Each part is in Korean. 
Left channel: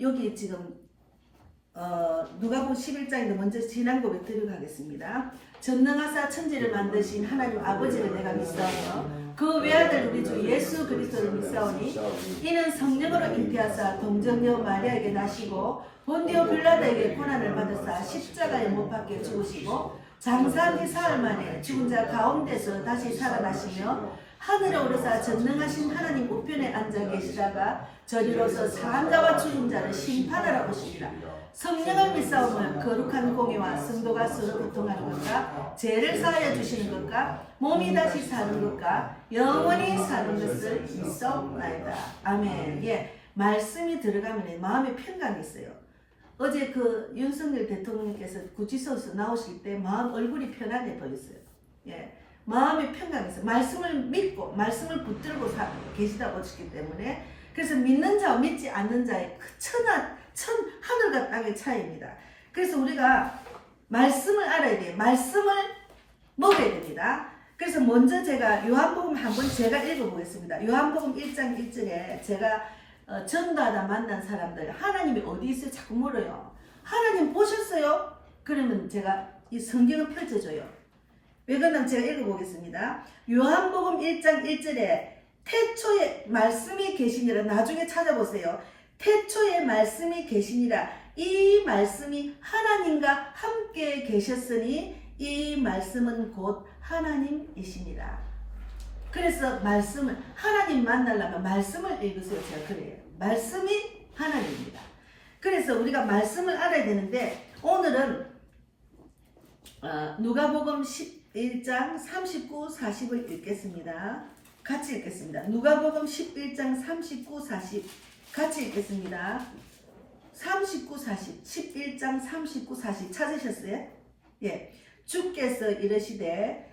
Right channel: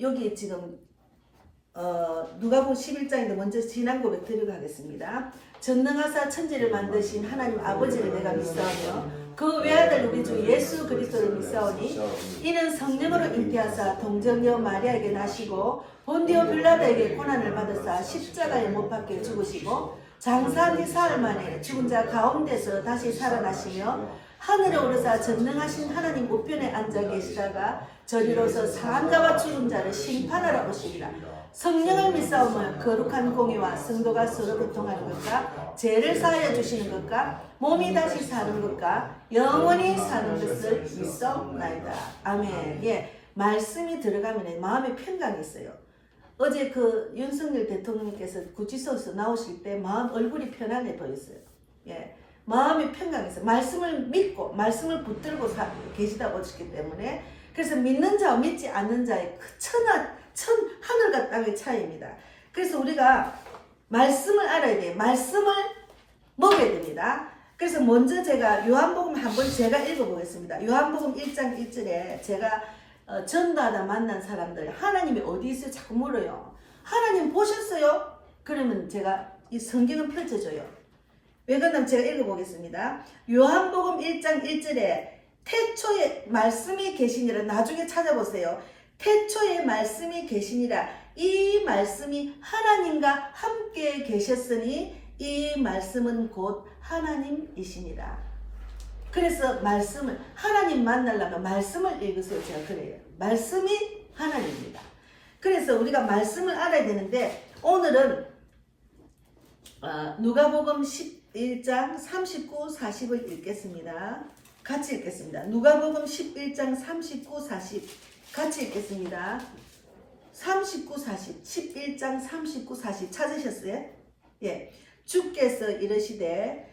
여기 지금 누가복음 11장인데 먼저 지난 고백 드리고 가겠습니다. 전능하사 천지를 만드신 하나님 아버지를 내가 믿사오며 그 외아들 우리 주 예수 그리스도를 믿사오니 이는 성령으로 잉태하사 동정녀 마리아에게 나시고 본디오 빌라도에게 고난을 받으사 십자가에 못 박혀 죽으시고 장사한 지 사흘 만에 죽은 자 가운데서 다시 살아나시며 하늘에 오르사 전능하신 하나님 우편에 앉아 계시다가 저리로서 사람자와 죽은 자를 심판하러 오시리라. 성령을 믿사오면 거룩한 공의와 성도가 서로 교통하는 것과 죄를 사하여 주시는 것과 몸이 다시 사는 것과 영원히 사는 것을 믿사옵나이다. 아멘. 예, 말씀이 들어가면 마음에 평강이 있어요. 어제 그 윤석열 대통령께서 구치소에서 나오실 때 마음 얼굴이 편안해 보였어요. 예, 마음이 평강이 있어요. 말씀을 믿고 말씀을 붙들고 계시다 보시기 때문에 그래서 믿는 자와 믿지 않는 자의 그 하늘과 땅의 차이입니다. 그래서 우리가 말씀을 알아야 돼요. 말씀을 먹어야 됩니다. 그래서 먼저 제가 요한복음 한번 제가 읽어보겠습니다. 요한복음 1장 1절에 제가 전도하다 만난 사람들 하나님이 어디 있어요? 자꾸 물어요. 하나님 보셨어요? 그러면 제가 이 성경을 펼쳐줘요. 왜 그러냐면 제가 읽어보겠습니다. 요한복음 1장 1절에 태초에 말씀이 계시니라. 나중에 찾아보세요. 태초에 말씀이 계시니라. 이 말씀이 하나님과 함께 계셨으니 이 말씀은 곧 하나님이시니라. 그래서 말씀을 하나님 만나려면 말씀을 읽으세요. 제가 그래요. 말씀이 하나님입니다. 그래서 우리가 말씀을 알아야 되는데 오늘은 누가복음 11장 39, 40을 읽겠습니다. 같이 읽겠습니다. 누가복음 11장 39, 40 같이 읽겠습니다. 39, 40 11장 39, 40 찾으셨어요? 예. 주께서 이르시되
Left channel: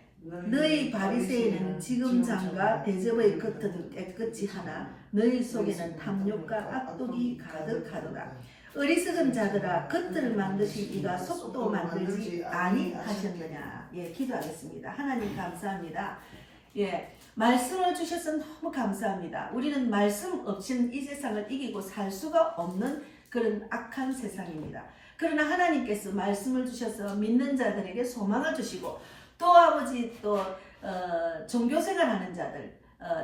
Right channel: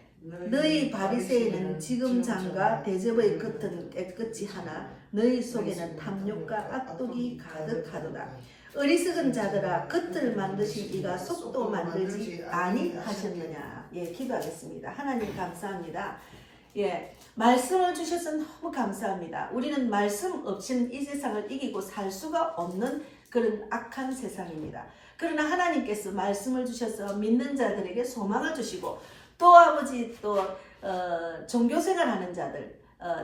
너희 바리새인은 지금 장과 대접의 겉은 깨끗이 하나 너희 속에는 탐욕과 악독이 가득하도다. 어리석은 자들아 겉을 만드신 이가 속도 만들지 아니하셨느냐. 예, 기도하겠습니다. 하나님 감사합니다. 예, 말씀을 주셔서 너무 감사합니다. 우리는 말씀 없이는 이 세상을 이기고 살 수가 없는 그런 악한 세상입니다. 그러나 하나님께서 말씀을 주셔서 믿는 자들에게 소망을 주시고 또 아버지 또 종교생활하는 자들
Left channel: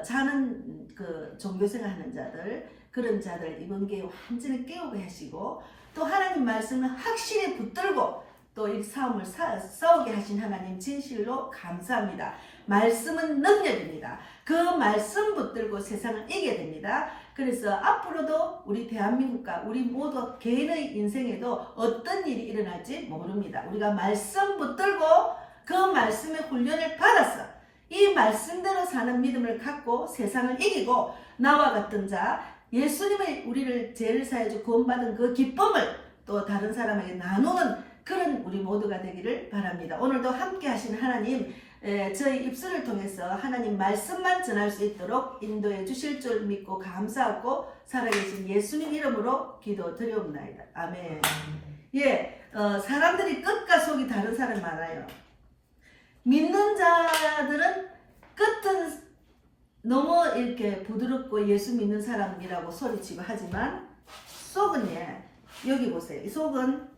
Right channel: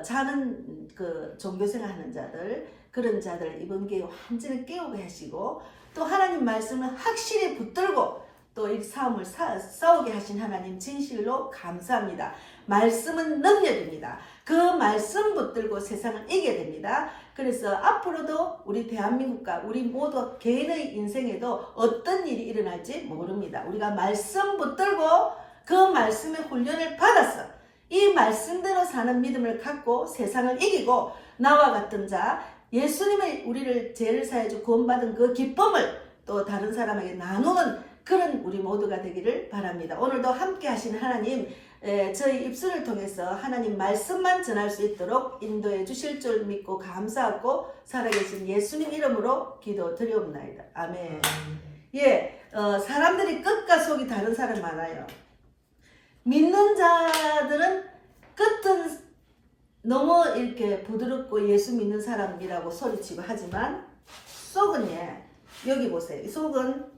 자는 그 종교생활하는 자들 그런 자들 이번 기회에 완전히 깨우게 하시고 또 하나님 말씀을 확실히 붙들고 또 이 싸움을 싸우게 하신 하나님 진실로 감사합니다. 말씀은 능력입니다. 그 말씀 붙들고 세상을 이겨야 됩니다. 그래서 앞으로도 우리 대한민국과 우리 모두 개인의 인생에도 어떤 일이 일어날지 모릅니다. 우리가 말씀 붙들고 그 말씀의 훈련을 받아서 이 말씀대로 사는 믿음을 갖고 세상을 이기고 나와 같은 자 예수님의 우리를 죄를 사해주고 구원받은 그 기쁨을 또 다른 사람에게 나누는 그런 우리 모두가 되기를 바랍니다. 오늘도 함께 하시는 하나님 저희 입술을 통해서 하나님 말씀만 전할 수 있도록 인도해 주실 줄 믿고 감사하고 살아계신 예수님 이름으로 기도드리옵나이다. 아멘. 예, 사람들이 끝과 속이 다른 사람 많아요. 믿는 자들은 끝은 너무 이렇게 부드럽고 예수 믿는 사람이라고 소리치고 하지만 속은 여기 보세요. 이 속은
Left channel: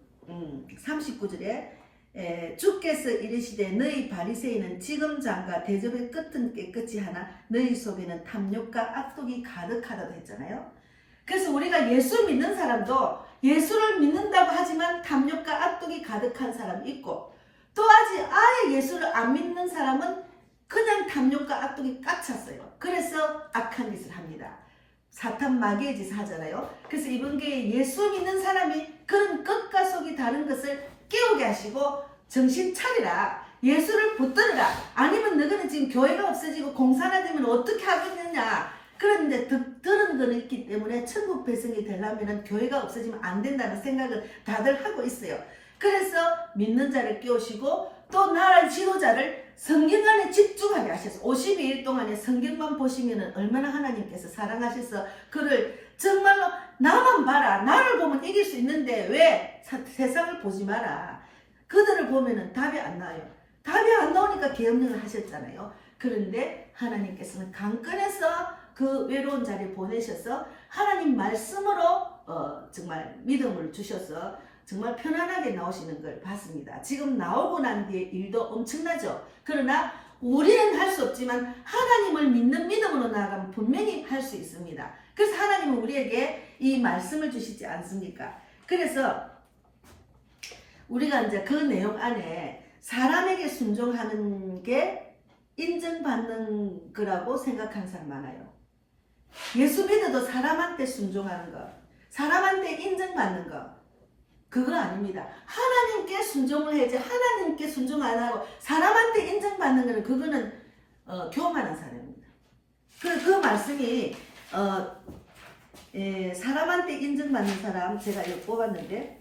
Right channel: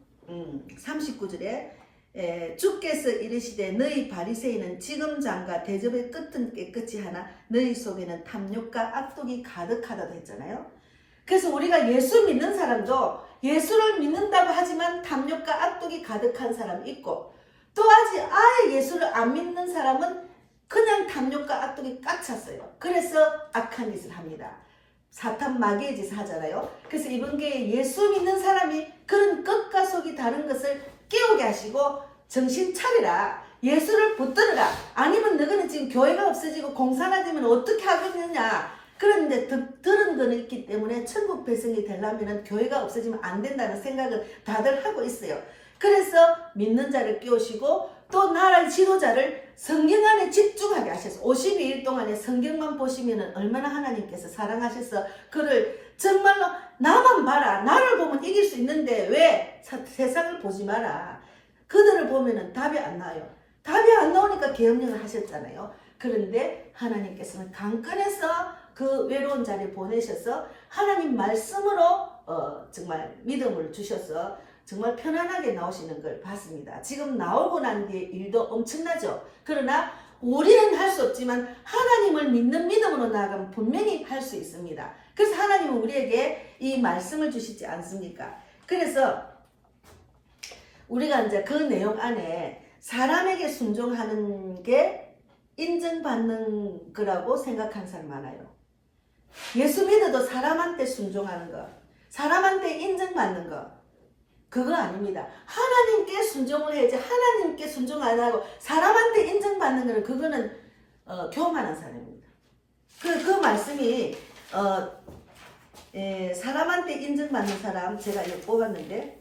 39절에 주께서 이르시되 너희 바리새인은 지금 장과 대접의 끝은 깨끗이 하나 너희 속에는 탐욕과 악독이 가득하다고 했잖아요. 그래서 우리가 예수 믿는 사람도 예수를 믿는다고 하지만 탐욕과 악독이 가득한 사람이 있고 또 아직 아예 예수를 안 믿는 사람은 그냥 탐욕과 악독이 꽉 찼어요. 그래서 악한 짓을 합니다. 사탄 마귀의 짓을 하잖아요. 그래서 이번 기회에 예수 믿는 사람이 그런 끝과 속이 다른 것을 깨우게 하시고 정신 차리라. 예수를 붙들으라. 아니면 너희는 지금 교회가 없어지고 공사가 되면 어떻게 하겠느냐. 그런데 들은 거는 있기 때문에 천국 백성이 되려면 교회가 없어지면 안 된다는 생각을 다들 하고 있어요. 그래서 믿는 자를 깨우시고 또 나라의 지도자를 성경 안에 집중하게 하셔서 52일 동안에 성경만 보시면 얼마나 하나님께서 사랑하셔서 그를 정말로 나만 봐라. 나를 보면 이길 수 있는데 왜 세상을 보지 마라. 그들을 보면 답이 안 나와요. 답이 안 나오니까 계엄령을 하셨잖아요. 그런데 하나님께서는 강권해서 그 외로운 자리에 보내셔서 하나님 말씀으로 정말 믿음을 주셔서 정말 편안하게 나오시는 걸 봤습니다. 지금 나오고 난 뒤에 일도 엄청나죠. 그러나 우리는 할 수 없지만 하나님을 믿는 믿음으로 나아가면 분명히 할 수 있습니다. 그래서 하나님은 우리에게 이 말씀을 주시지 않습니까? 그래서 우리가 이제 그 내용 안에 사람에게 순종하는 게 인정받는 거라고 생각하는 사람 많아요. 예수 믿어도 사람한테 순종하는 거, 사람한테 인정받는 거, 그거 아닙니다. 하나님께 순종을 해야지. 하나님께 순종 안 하고 사람한테 인정받는 거는 그거는 교만한 사람입니다. 그 말씀이 사람한테 인정받는 사람 제가 여기 뽑았는데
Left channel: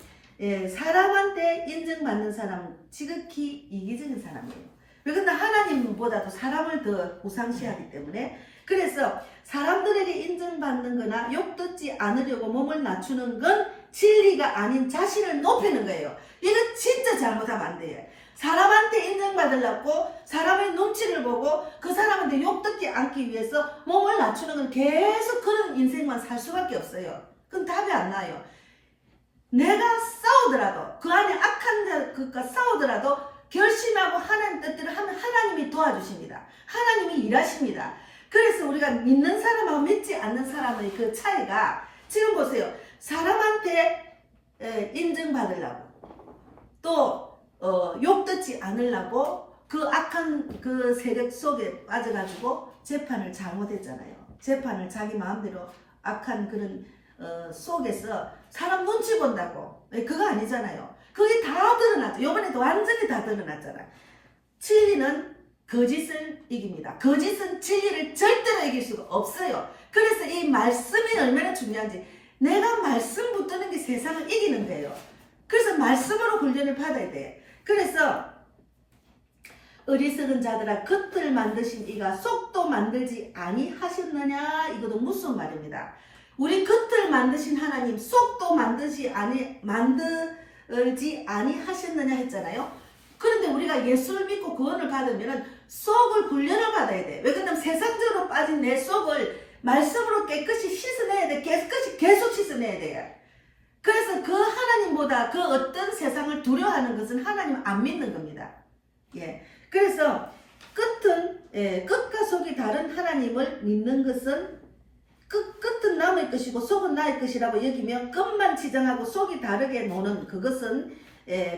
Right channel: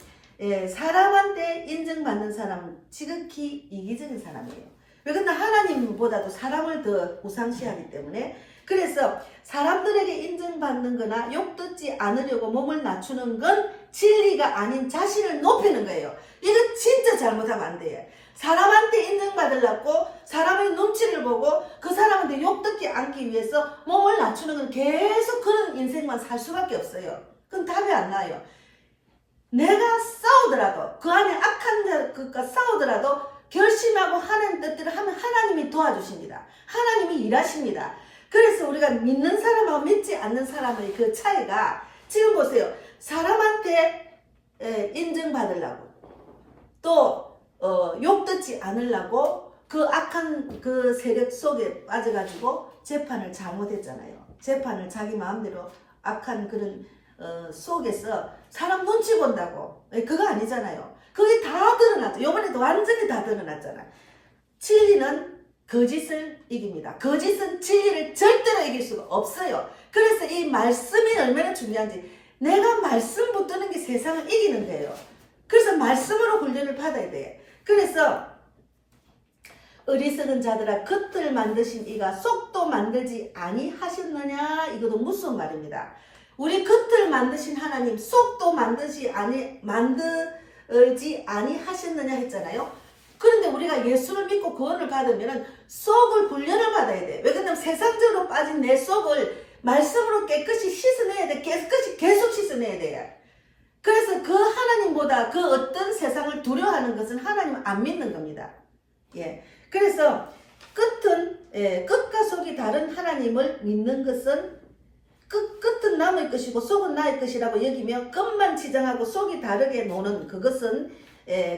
사람한테 인정받는 사람은 지극히 이기적인 사람이에요. 왜 그러나 하나님보다도 사람을 더 우상시하기 때문에 그래서 사람들에게 인정받는 거나 욕듣지 않으려고 몸을 낮추는 건 진리가 아닌 자신을 높이는 거예요. 이거 진짜 잘못하면 안 돼요. 사람한테 인정받으려고 사람의 눈치를 보고 그 사람한테 욕듣지 않기 위해서 몸을 낮추는 건 계속 그런 인생만 살 수밖에 없어요. 그건 답이 안 나요. 내가 싸우더라도 그 안에 악한 것과 싸우더라도 결심하고 하나님 뜻대로 하면 하나님이 도와주십니다. 하나님이 일하십니다. 그래서 우리가 믿는 사람하고 믿지 않는 사람의 그 차이가 지금 보세요. 사람한테 인정받으려고 또 욕듣지 않으려고 그 악한 그 세력 속에 빠져가지고 재판을 잘못했잖아요. 재판을 자기 마음대로 악한 그런 속에서 사람 눈치 본다고 그거 아니잖아요. 그게 다 드러났죠. 요번에도 완전히 다 드러났잖아요. 진리는 거짓을 이깁니다. 거짓은 진리를 절대로 이길 수가 없어요. 그래서 이 말씀이 얼마나 중요한지 내가 말씀 붙드는 게 세상을 이기는 거예요. 그래서 말씀으로 훈련을 받아야 돼. 그래서 어리석은 자들아 겉을 만드신 이가 속도 만들지 아니하셨느냐 이것도 무슨 말입니다. 우리 겉을 만드신 하나님 속도 만들지 아니하셨느냐 했잖아요. 그런데 우리가 예수를 믿고 구원을 받으면 속을 훈련을 받아야 돼. 왜 그러냐면 세상적으로 빠진 내 속을 말씀으로 깨끗이 씻어내야 돼. 계속 씻어내야 돼. 그래서 그 하나님보다 그 어떤 세상을 두려워하는 것은 하나님 안 믿는 겁니다. 예. 그래서 끝과 속이 다른 하나님을 믿는 것은 끝은 남의 것이고 속은 나의 것이라고 여기며 끝만 지정하고 속이 다르게 노는 그것은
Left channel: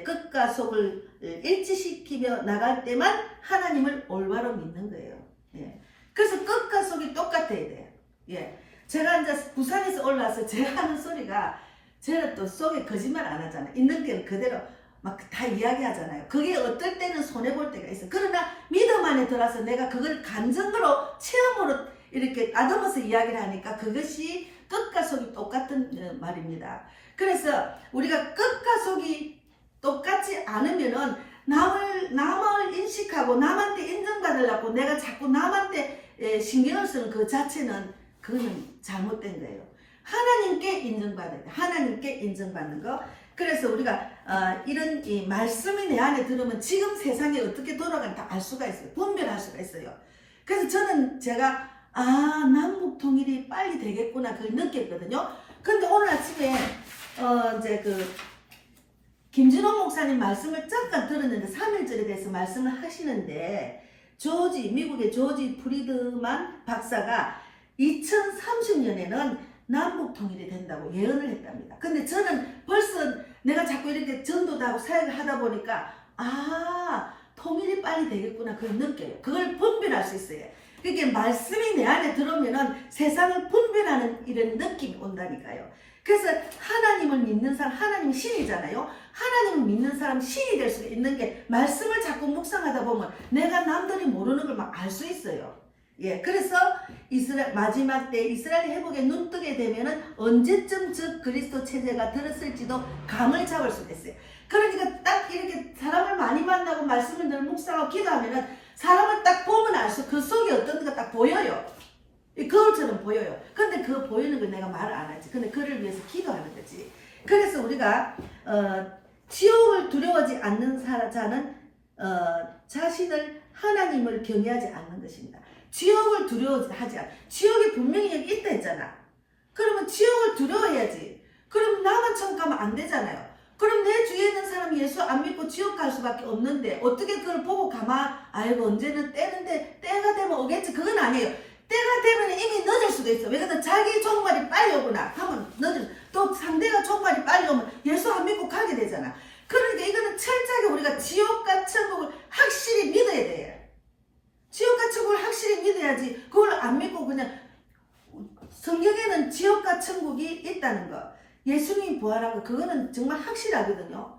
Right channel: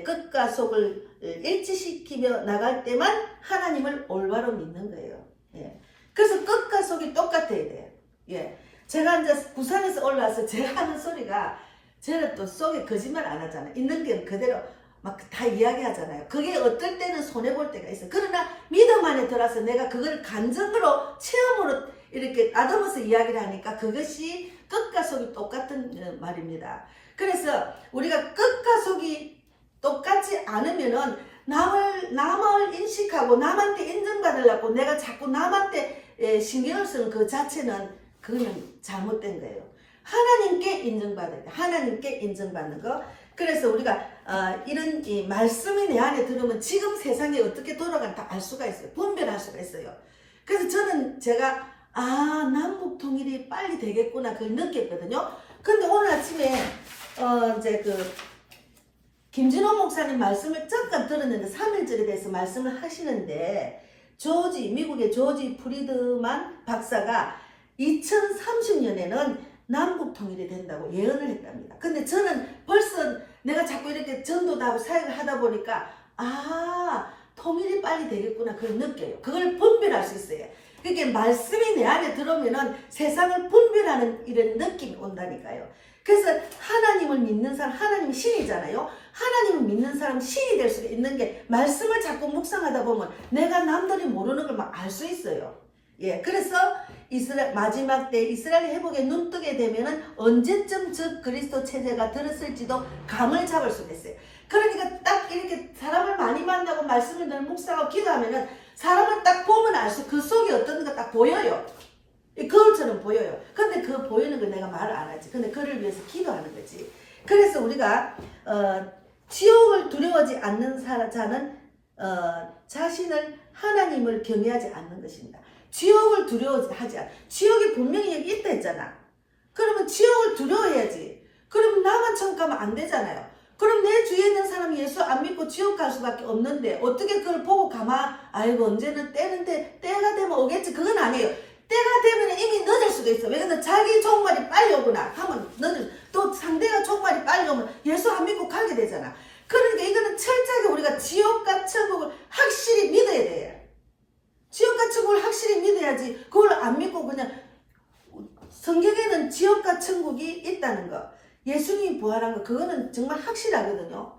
끝과 속을 일치시키며 나갈 때만 하나님을 올바로 믿는 거예요. 예. 그래서 끝과 속이 똑같아야 돼요. 예. 제가 이제 부산에서 올라와서 제가 하는 소리가 제가 또 속에 거짓말 안 하잖아요. 있는 게 그대로 막 다 이야기하잖아요. 그게 어떨 때는 손해볼 때가 있어. 그러나 믿음 안에 들어서 내가 그걸 감정으로 체험으로 이렇게 다듬어서 이야기를 하니까 그것이 끝과 속이 똑같은 말입니다. 그래서 우리가 끝과 속이 똑같지 않으면은 남을 인식하고 남한테 인정받으려고 내가 자꾸 남한테 신경을 쓰는 그 자체는 그거는 잘못된 거예요. 하나님께 인정받아야 돼. 하나님께 인정받는 거. 그래서 우리가 이런 이 말씀이 내 안에 들으면 지금 세상이 어떻게 돌아가는지 다 알 수가 있어요. 분별할 수가 있어요. 그래서 제가 남북 통일이 빨리 되겠구나 그걸 느꼈거든요. 근데 오늘 아침에 이제 김진호 목사님 말씀을 잠깐 들었는데 3.1절에 대해서 말씀을 하시는데 미국의 조지 프리드만 박사가 2030년에는 남북 통일이 된다고 예언을 했답니다. 근데 저는 벌써 내가 자꾸 이렇게 전도도 하고 사역을 하다 보니까 통일이 빨리 되겠구나 그걸 느껴요. 그걸 분별할 수 있어요. 그러니까 말씀이 내 안에 들어오면은 세상을 분별하는 이런 느낌이 온다니까요. 그래서 하나님을 믿는 사람, 하나님이 신이잖아요. 하나님을 믿는 사람 신이 될 수 있는 게 말씀을 자꾸 묵상하다 보면 내가 남들이 모르는 걸 막 알 수 있어요. 예, 그래서 마지막 때 이스라엘 회복에 눈뜨게 되면은 언제쯤 즉 그리스도 체제가 들었을지도 감을 잡을 수가 있어요. 그러니까 딱 이렇게 사람을 많이 만나고 말씀을 늘 묵상하고 기도하면은 사람을 딱 보면 알 수, 그 속이 어떤가 딱 보여요. 거울처럼 보여요. 근데 그 보이는 걸 내가 말을 안 하지. 근데 그를 위해서 기도하는 거지. 그래서 우리가 지옥을 두려워하지 않는 자는 자신을 하나님을 경외하지 않는 것입니다. 지옥을 두려워하지 않아. 지옥이 분명히 여기 있다 했잖아. 그러면 지옥을 두려워해야지. 나만 천국 가면 안 되잖아요. 그럼 내 주위에 있는 사람이 예수 안 믿고 지옥 갈 수밖에 없는데 어떻게 그걸 보고 아이고 언제는 때가 되면 오겠지. 그건 아니에요. 때가 되면 이미 늦을 수도 있어. 왜냐면 자기 종말이 빨리 오거나 하면 또 상대가 종말이 빨리 오면 예수 안 믿고 가게 되잖아. 그러니까 이거는 철저하게 우리가 지옥과 천국을 확실히 믿어야 돼요. 지옥과 천국을 확실히 믿어야지 그걸 안 믿고 그냥 성경에는 지옥과 천국이 있다는 거, 예수님이 부활한 거, 그거는 정말 확실하거든요.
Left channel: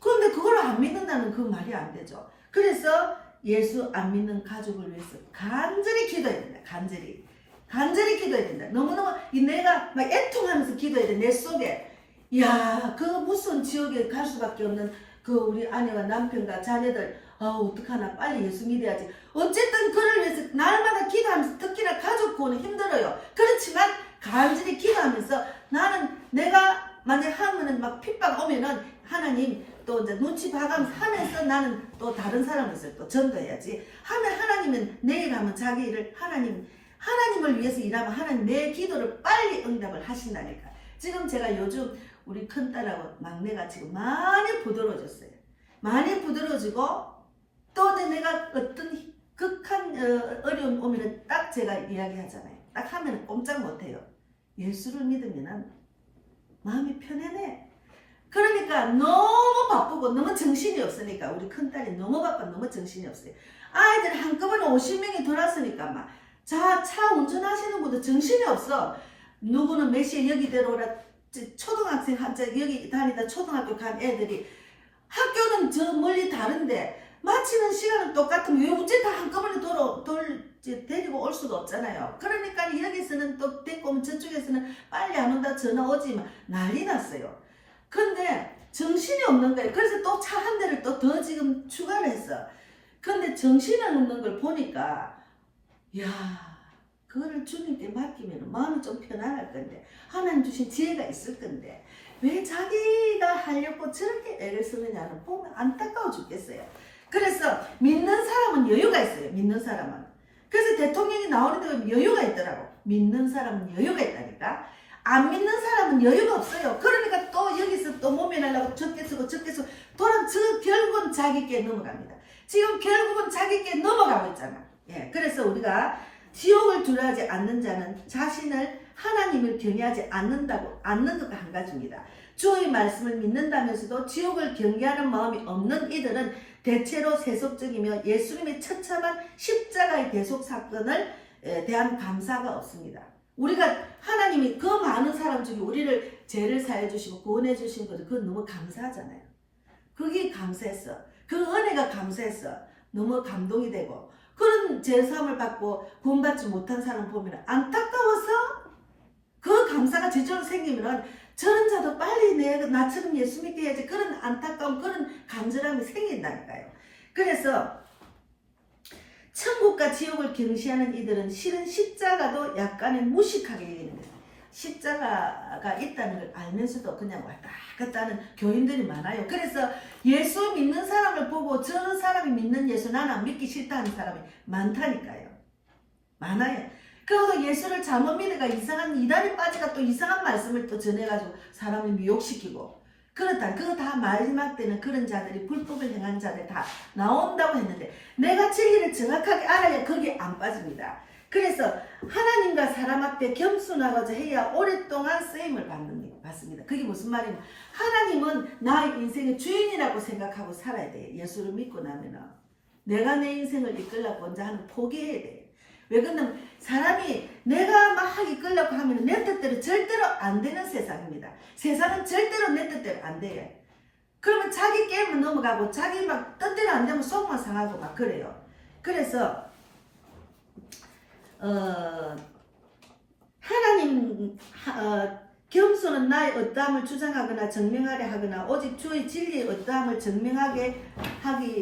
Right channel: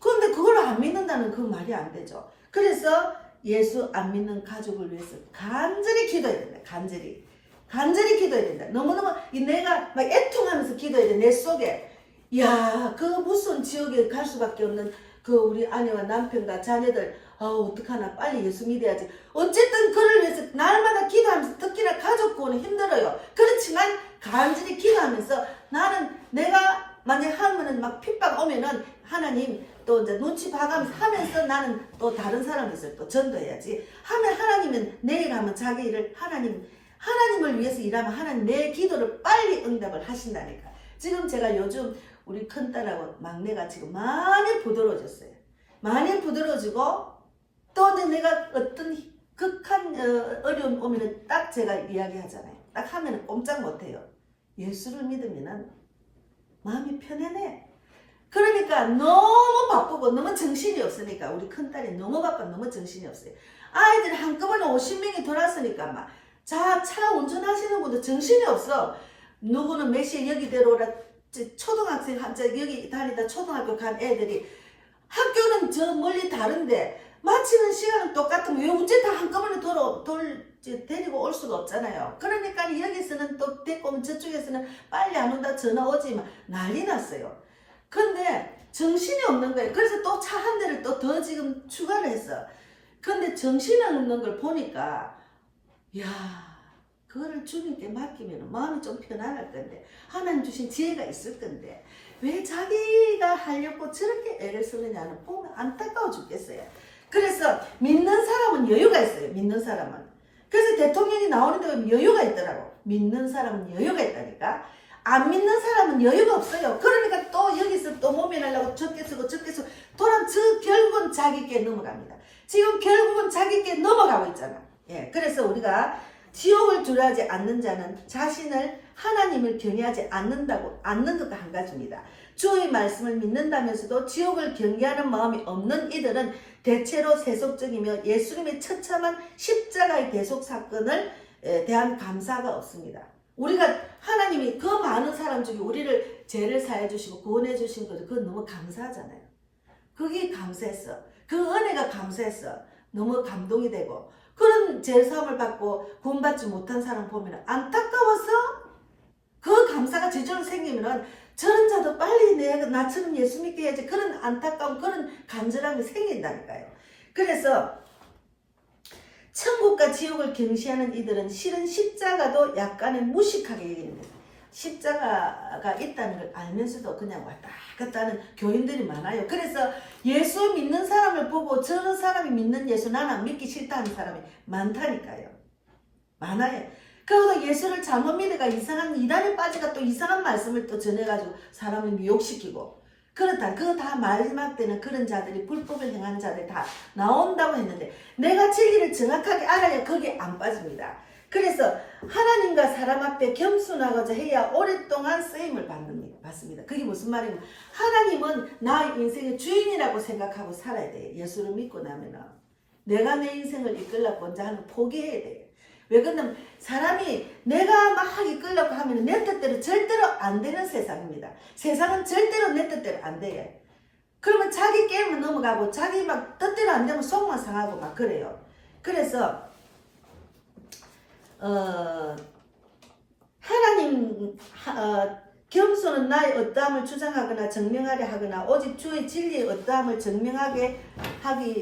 그런데 그걸 안 믿는다는 그 말이 안 되죠. 그래서 예수 안 믿는 가족을 위해서 간절히 기도해야 된다. 간절히 기도해야 된다. 너무너무 내가 막 애통하면서 기도해야 돼. 내 속에 그 무슨 지옥에 갈 수밖에 없는 그 우리 아내와 남편과 자녀들 어떡하나 빨리 예수 믿어야지. 어쨌든 그를 위해서 날마다 기도하면서, 특히나 가족 구원은 힘들어요. 그렇지만 간절히 기도하면서 나는 내가 만약 하면은 막 핍박 오면은 하나님 또 이제 눈치 봐가면서 하면서 나는 또 다른 사람에서 또 전도해야지. 하면 하나님은 내일 하면 자기 일을 하나님을 위해서 일하면 하나님 내 기도를 빨리 응답을 하신다니까. 지금 제가 요즘 우리 큰딸하고 막내가 지금 많이 부드러워졌어요. 많이 부드러워지고 또 내가 어떤 극한 어려움 오면은 딱 제가 이야기하잖아요. 딱 하면은 꼼짝 못해요. 예수를 믿으면은 마음이 편안해. 그러니까 너무 바쁘고 너무 정신이 없으니까 우리 큰딸이 너무 바빠 너무 정신이 없어요. 아이들 한꺼번에 50명이 돌았으니까 막 차 운전하시는 분도 정신이 없어. 누구는 몇 시에 여기 데려오라. 초등학생 여기 다니다 초등학교 간 애들이 학교는 저 멀리 다른데 마치는 시간은 똑같으면 왜 언제 다 한꺼번에 데리고 올 수가 없잖아요. 그러니까 여기서는 또 데리고 오면 저쪽에서는 빨리 안 온다 전화 오지 막 난리 났어요. 근데 정신이 없는 거예요. 그래서 또 차 한 대를 또 더 지금 추가를 했어. 근데 정신이 없는 걸 보니까 그거를 주님께 맡기면 마음이 좀 편안할 건데 하나님 주신 지혜가 있을 건데 왜 자기가 하려고 저렇게 애를 쓰느냐는 보면 안타까워 죽겠어요. 그래서 믿는 사람은 여유가 있어요. 믿는 사람은. 그래서 대통령이 나오는데 보면 여유가 있더라고. 믿는 사람은 여유가 있다니까. 안 믿는 사람은 여유가 없어요. 그러니까 또 여기서 또 모면하려고 적게 쓰고 결국은 자기께 넘어갑니다. 지금 결국은 자기께 넘어가고 있잖아. 그래서 우리가 지옥을 두려워하지 않는 자는 자신을 하나님을 경외하지 않는 것도 한 가지입니다. 주의 말씀을 믿는다면서도 지옥을 경계하는 마음이 없는 이들은 대체로 세속적이며 예수님의 처참한 십자가의 대속 사건을 대한 감사가 없습니다. 우리가 하나님이 그 많은 사람 중에 우리를 죄를 사해 주시고 구원해 주신 것을 그건 너무 감사하잖아요. 그게 감사했어. 그 은혜가 감사했어. 너무 감동이 되고 그런 죄사함을 받고 구원받지 못한 사람 보면 안타까워서 그 감사가 저절로 생기면은 저런 자도 빨리 나처럼 예수 믿게 해야지. 그런 안타까움, 그런 간절함이 생긴다니까요. 그래서 천국과 지옥을 경시하는 이들은 실은 십자가도 약간은 무식하게 여깁니다. 십자가가 있다는 걸 알면서도 그냥 왔다 갔다 하는 교인들이 많아요. 그래서 예수 믿는 사람을 보고 저런 사람이 믿는 예수 나는 안 믿기 싫다는 사람이 많다니까요. 많아요. 그러고도 예수를 잘못 믿으니까 이상한 이단에 빠지가 또 이상한 말씀을 또 전해가지고 사람을 미혹시키고 그렇다. 그거 다 마지막 때는 그런 자들이 불법을 행한 자들 다 나온다고 했는데 내가 진리를 정확하게 알아야 거기에 안 빠집니다. 그래서 하나님과 사람 앞에 겸손하고자 해야 오랫동안 쓰임을 받습니다. 그게 무슨 말이냐면 하나님은 나의 인생의 주인이라고 생각하고 살아야 돼요. 예수를 믿고 나면은 내가 내 인생을 이끌려고 먼저 하는 포기해야 돼요. 왜 그러냐면 사람이 내가 막 이끌려고 하면 내 뜻대로 절대로 안 되는 세상입니다. 세상은 절대로 내 뜻대로 안 돼요. 그러면 자기 게임은 넘어가고 자기 막 뜻대로 안 되면 속만 상하고 막 그래요. 그래서 하나님 겸손은 나의 어떠함을 주장하거나 증명하려 하거나 오직 주의 진리의 어떠함을 증명하게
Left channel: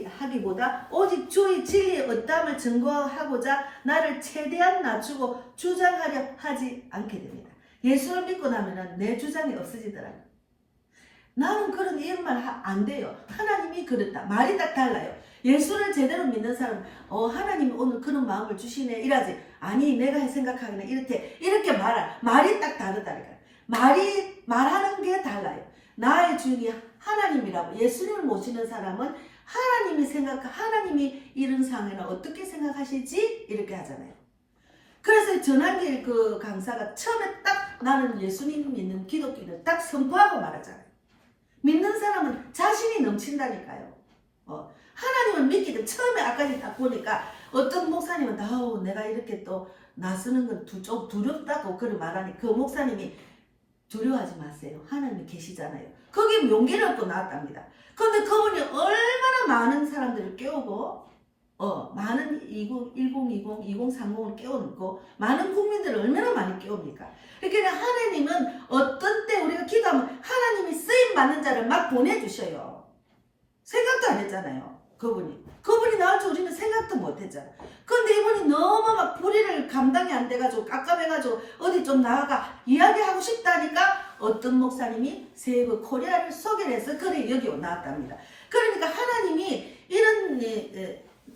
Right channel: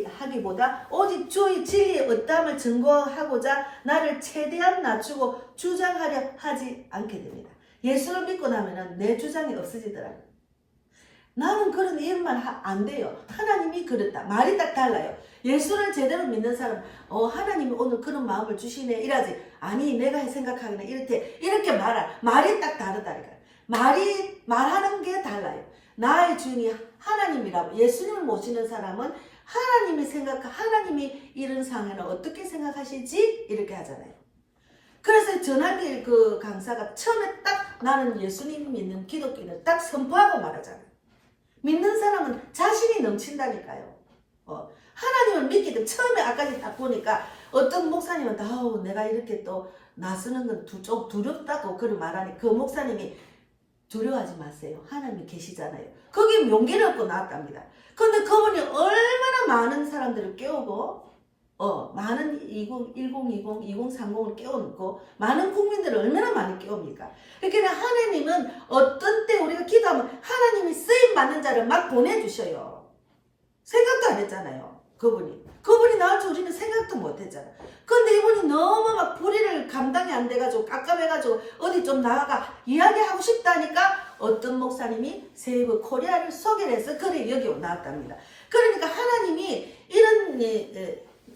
하기보다 오직 주의 진리의 어떠함을 증거하고자 나를 최대한 낮추고 주장하려 하지 않게 됩니다. 예수를 믿고 나면은 내 주장이 없어지더라고요. 나는 그런 일만 안 돼요. 하나님이 그렇다. 말이 딱 달라요. 예수를 제대로 믿는 사람은 하나님이 오늘 그런 마음을 주시네 이러지. 아니 내가 생각하기는 이렇게 말이 딱 다르다니까. 말하는 게 달라요. 나의 주인이 하나님이라고. 예수님을 모시는 사람은 하나님이 이런 상황에는 어떻게 생각하시지? 이렇게 하잖아요. 그래서 전한길 그 강사가 처음에 딱 나는 예수님 믿는 기독교인을 딱 선포하고 말하잖아요. 믿는 사람은 자신이 넘친다니까요. 하나님을 믿기 때문에 처음에 아까 딱 보니까 어떤 목사님은 내가 이렇게 또 나서는 건 좀 두렵다고 그를 말하니 그 목사님이 두려워하지 마세요. 하나님이 계시잖아요. 거기 용기를 얻고 나왔답니다. 그런데 그분이 얼마나 많은 사람들을 깨우고 많은 2020, 2030을 깨우고 많은 국민들을 얼마나 많이 깨웁니까? 그러니까 하나님은 어떤 때 우리가 기도하면 하나님이 쓰임받는 자를 막 보내주셔요. 생각도 안 했잖아요. 그분이 나올 줄 우리는 생각도 못 했잖아. 근데 이분이 너무 막 불의를 감당이 안 돼가지고 깝깝해가지고 어디 좀 나가가 이야기하고 싶다니까 어떤 목사님이 세이브 코리아를 소개를 해서 그래 여기 나왔답니다. 그러니까 하나님이 이런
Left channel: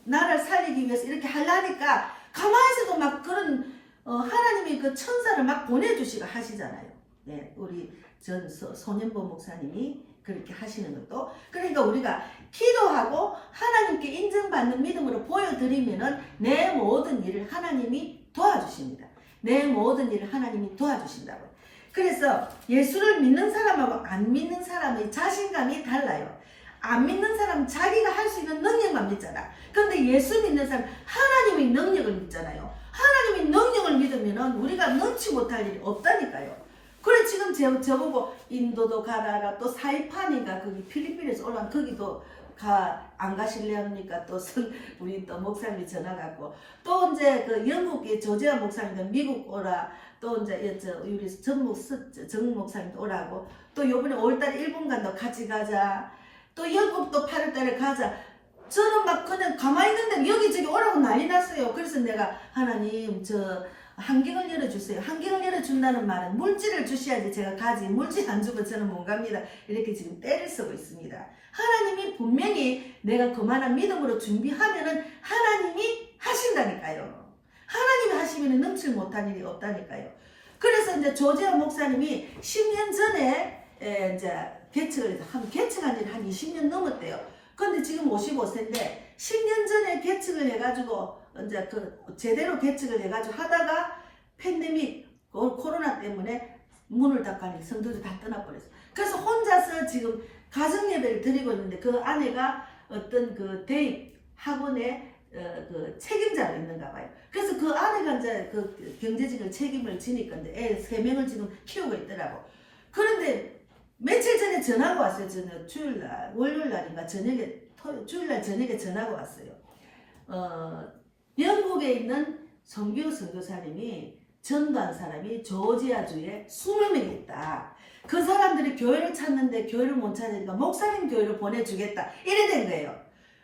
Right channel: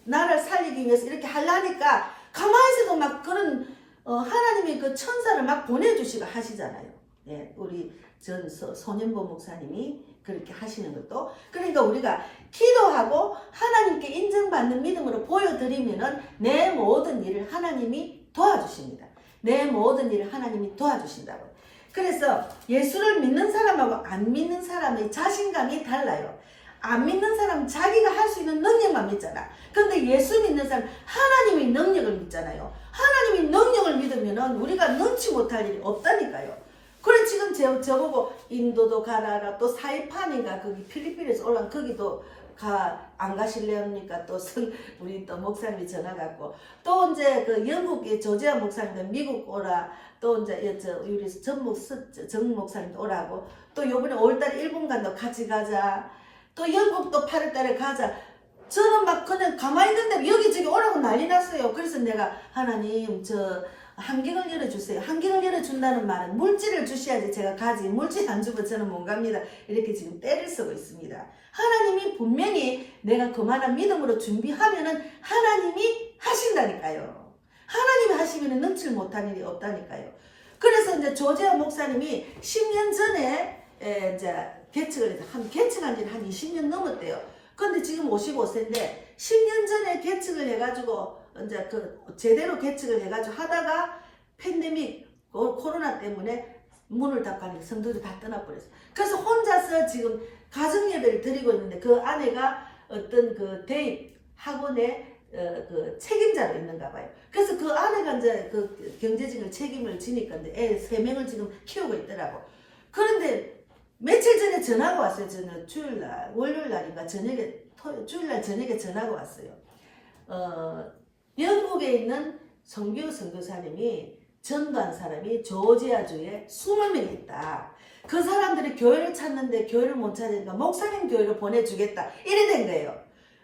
나라를 살리기 위해서 이렇게 하려니까 가만히 있어도 막 그런 하나님이 그 천사를 막 보내주시고 하시잖아요. 네, 우리 전 손현보 목사님이 그렇게 하시는 것도. 그러니까 우리가 기도하고 하나님께 인정받는 믿음으로 보여드리면은 내 모든 일을 하나님이 도와주십니다. 내 모든 일을 하나님이 도와주신다고요. 그래서 예수를 믿는 사람하고 안 믿는 사람의 자신감이 달라요. 안 믿는 사람은 자기가 할 수 있는 능력만 믿잖아. 근데 예수 믿는 사람은 하나님의 능력을 믿잖아요. 하나님의 능력을 믿으면은 우리가 능치 못할 일이 없다니까요. 그래 지금 저보고 인도도 가라라 또 사이판인가 거기 필리핀에서 올라온 거기도 안 가실래 합니까? 또 우리 또 목사님이 전화 갖고 또 이제 그 영국의 조지아 목사님도 미국 오라 또 이제 우리 정 목사님도 오라고 또 요번에 5월달에 일본 간다 같이 가자 또 영국도 8월달에 가자. 저는 막 그냥 가만히 있는데 여기저기 오라고 난리 났어요. 그래서 내가 하나님 환경을 열어주세요. 환경을 열어준다는 말은 물질을 주셔야지 제가 가지. 물질 안 주면 저는 못 갑니다. 이렇게 지금 때를 쓰고 있습니다. 하나님이 분명히 내가 그만한 믿음으로 준비하면은 하나님이 하신다니까요. 하나님이 하시면은 능칠 못한 일이 없다니까요. 그래서 이제 조재현 목사님이 10년 전에 이제 개척한 지 한 20년 넘었대요. 근데 지금 55세인데 10년 전에 개척을 해가지고 이제 제대로 개척을 해가지고 하다가 팬데믹 코로나 때문에 문을 닫고 성도들 다 떠나버렸어요. 그래서 혼자서 지금 가정 예배를 드리고 있는데 그 아내가 어떤 그 대입 학원에 그 책임자로 있는가 봐요. 그래서 그 아내가 이제 그 경제적인 책임을 지니까 이제 애 3명을 지금 키우고 있더라고. 그런데 며칠 전에 전화가 왔어요. 저는 주일날, 월요일날인가 주일날 저녁에 전화가 왔어요. 영국에 있는 선교 선교사님이 전도한 사람이 조지아주에 20명이 있다. 그 사람들이 교회를 찾는데 교회를 못 찾으니까 목사님 교회로 보내주겠다. 이래 된 거예요.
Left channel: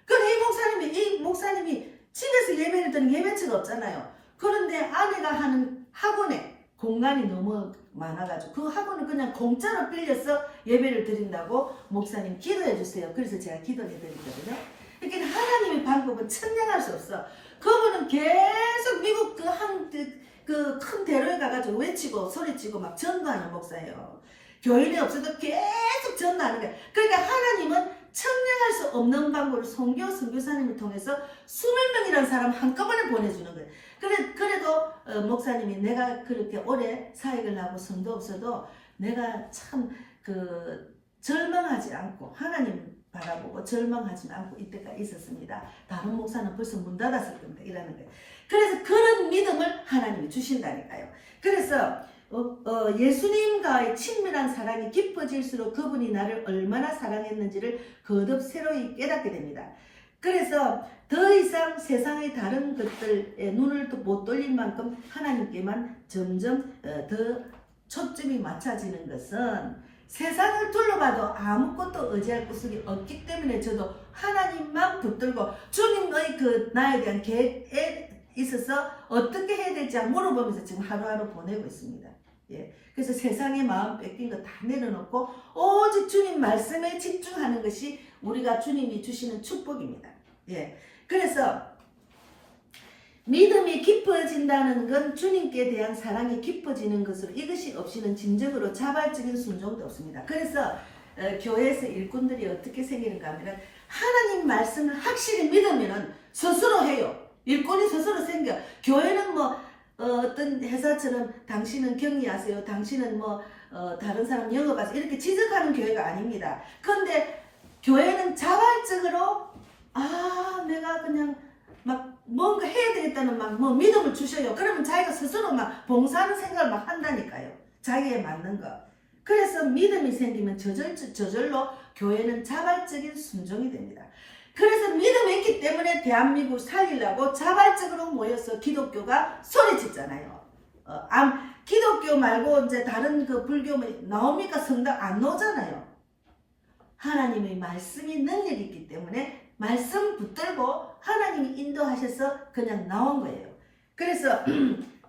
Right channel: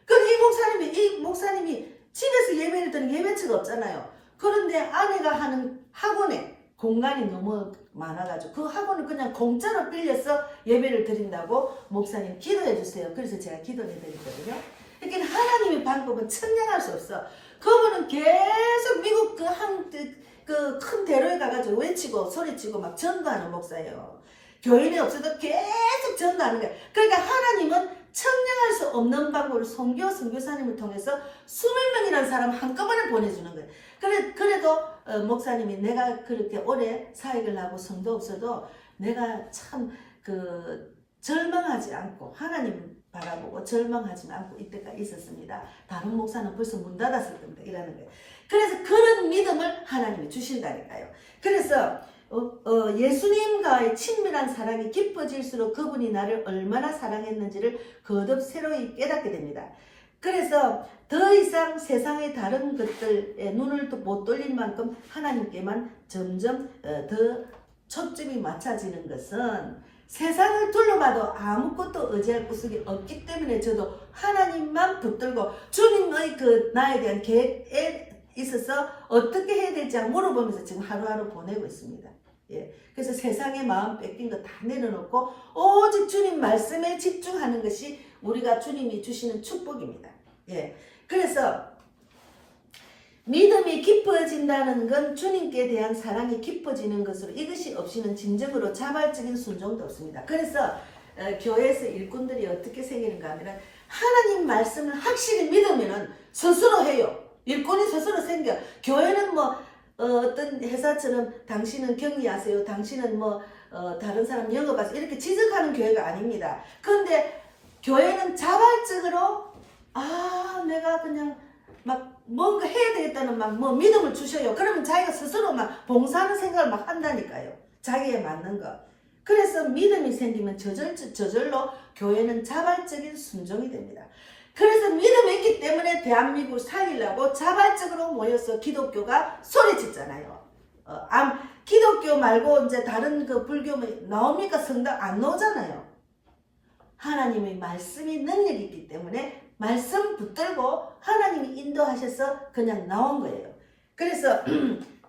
근데 이 목사님이 집에서 예배를 드는 예배처가 없잖아요. 그런데 아내가 하는 학원에 공간이 너무 많아가지고 그 학원을 그냥 공짜로 빌려서 예배를 드린다고 목사님 기도해 주세요. 그래서 제가 기도해 드리거든요. 그러니까 하나님의 방법은 천냥할 수 없어. 그분은 계속 미국 그 큰 대로에 가가지고 외치고 소리치고 막 전도하는 목사예요. 교인이 없어도 계속 전도하는 거예요. 그러니까 하나님은 천냥할 수 없는 방법을 선교사님을 통해서 20명이라는 사람 한꺼번에 보내주는 거예요. 그래도 목사님이 내가 그렇게 오래 사역을 하고 성도 없어도 내가 참 절망하지 않고 하나님 바라보고 절망하지 않고 이때가 있었습니다. 다른 목사는 벌써 문 닫았을 겁니다. 이라는 거예요. 그래서 그런 믿음을 하나님이 주신다니까요. 그래서 예수님과의 친밀한 사랑이 깊어질수록 그분이 나를 얼마나 사랑했는지를 거듭 새로이 깨닫게 됩니다. 그래서 더 이상 세상의 다른 것들에 눈을 못 돌릴 만큼 하나님께만 점점 더 초점이 맞춰지는 것은 세상을 둘러봐도 아무것도 의지할 구석이 없기 때문에 저도 하나님만 붙들고 주님의 나에 대한 계획에 있어서 어떻게 해야 될지 물어보면서 지금 하루하루 보내고 있습니다. 예. 그래서 세상의 마음 뺏긴 거 다 내려놓고 오직 주님 말씀에 집중하는 것이 우리가 주님이 주시는 축복입니다. 예. 그래서 믿음이 깊어진다는 건 주님께 대한 사랑이 깊어지는 것으로 이것이 없이는 진정으로 자발적인 순종도 없습니다. 그래서 교회에서 일꾼들이 어떻게 생기는가 하면 하나님 말씀을 확실히 믿으면 스스로 해요. 일꾼이 스스로 생겨. 교회는 뭐 어떤 회사처럼 당신은 격리하세요. 당신은 뭐 다른 사람 영업하세요. 이렇게 지적하는 교회가 아닙니다. 그런데 교회는 자발적으로 내가 그냥 막 뭔가 해야 되겠다는 막 뭐 믿음을 주셔요. 그러면 자기가 스스로 막 봉사하는 생각을 막 한다니까요. 자기에 맞는 거. 그래서 믿음이 생기면 저절로 교회는 자발적인 순종이 됩니다. 그래서 믿음이 있기 때문에 대한민국을 살리려고 자발적으로 모여서 기독교가 소리쳤잖아요. 기독교 말고 이제 다른 그 불교 나옵니까? 성당 안 나오잖아요. 하나님의 말씀이 능력이 있기 때문에 말씀 붙들고 하나님이 인도하셔서 그냥 나온 거예요. 그래서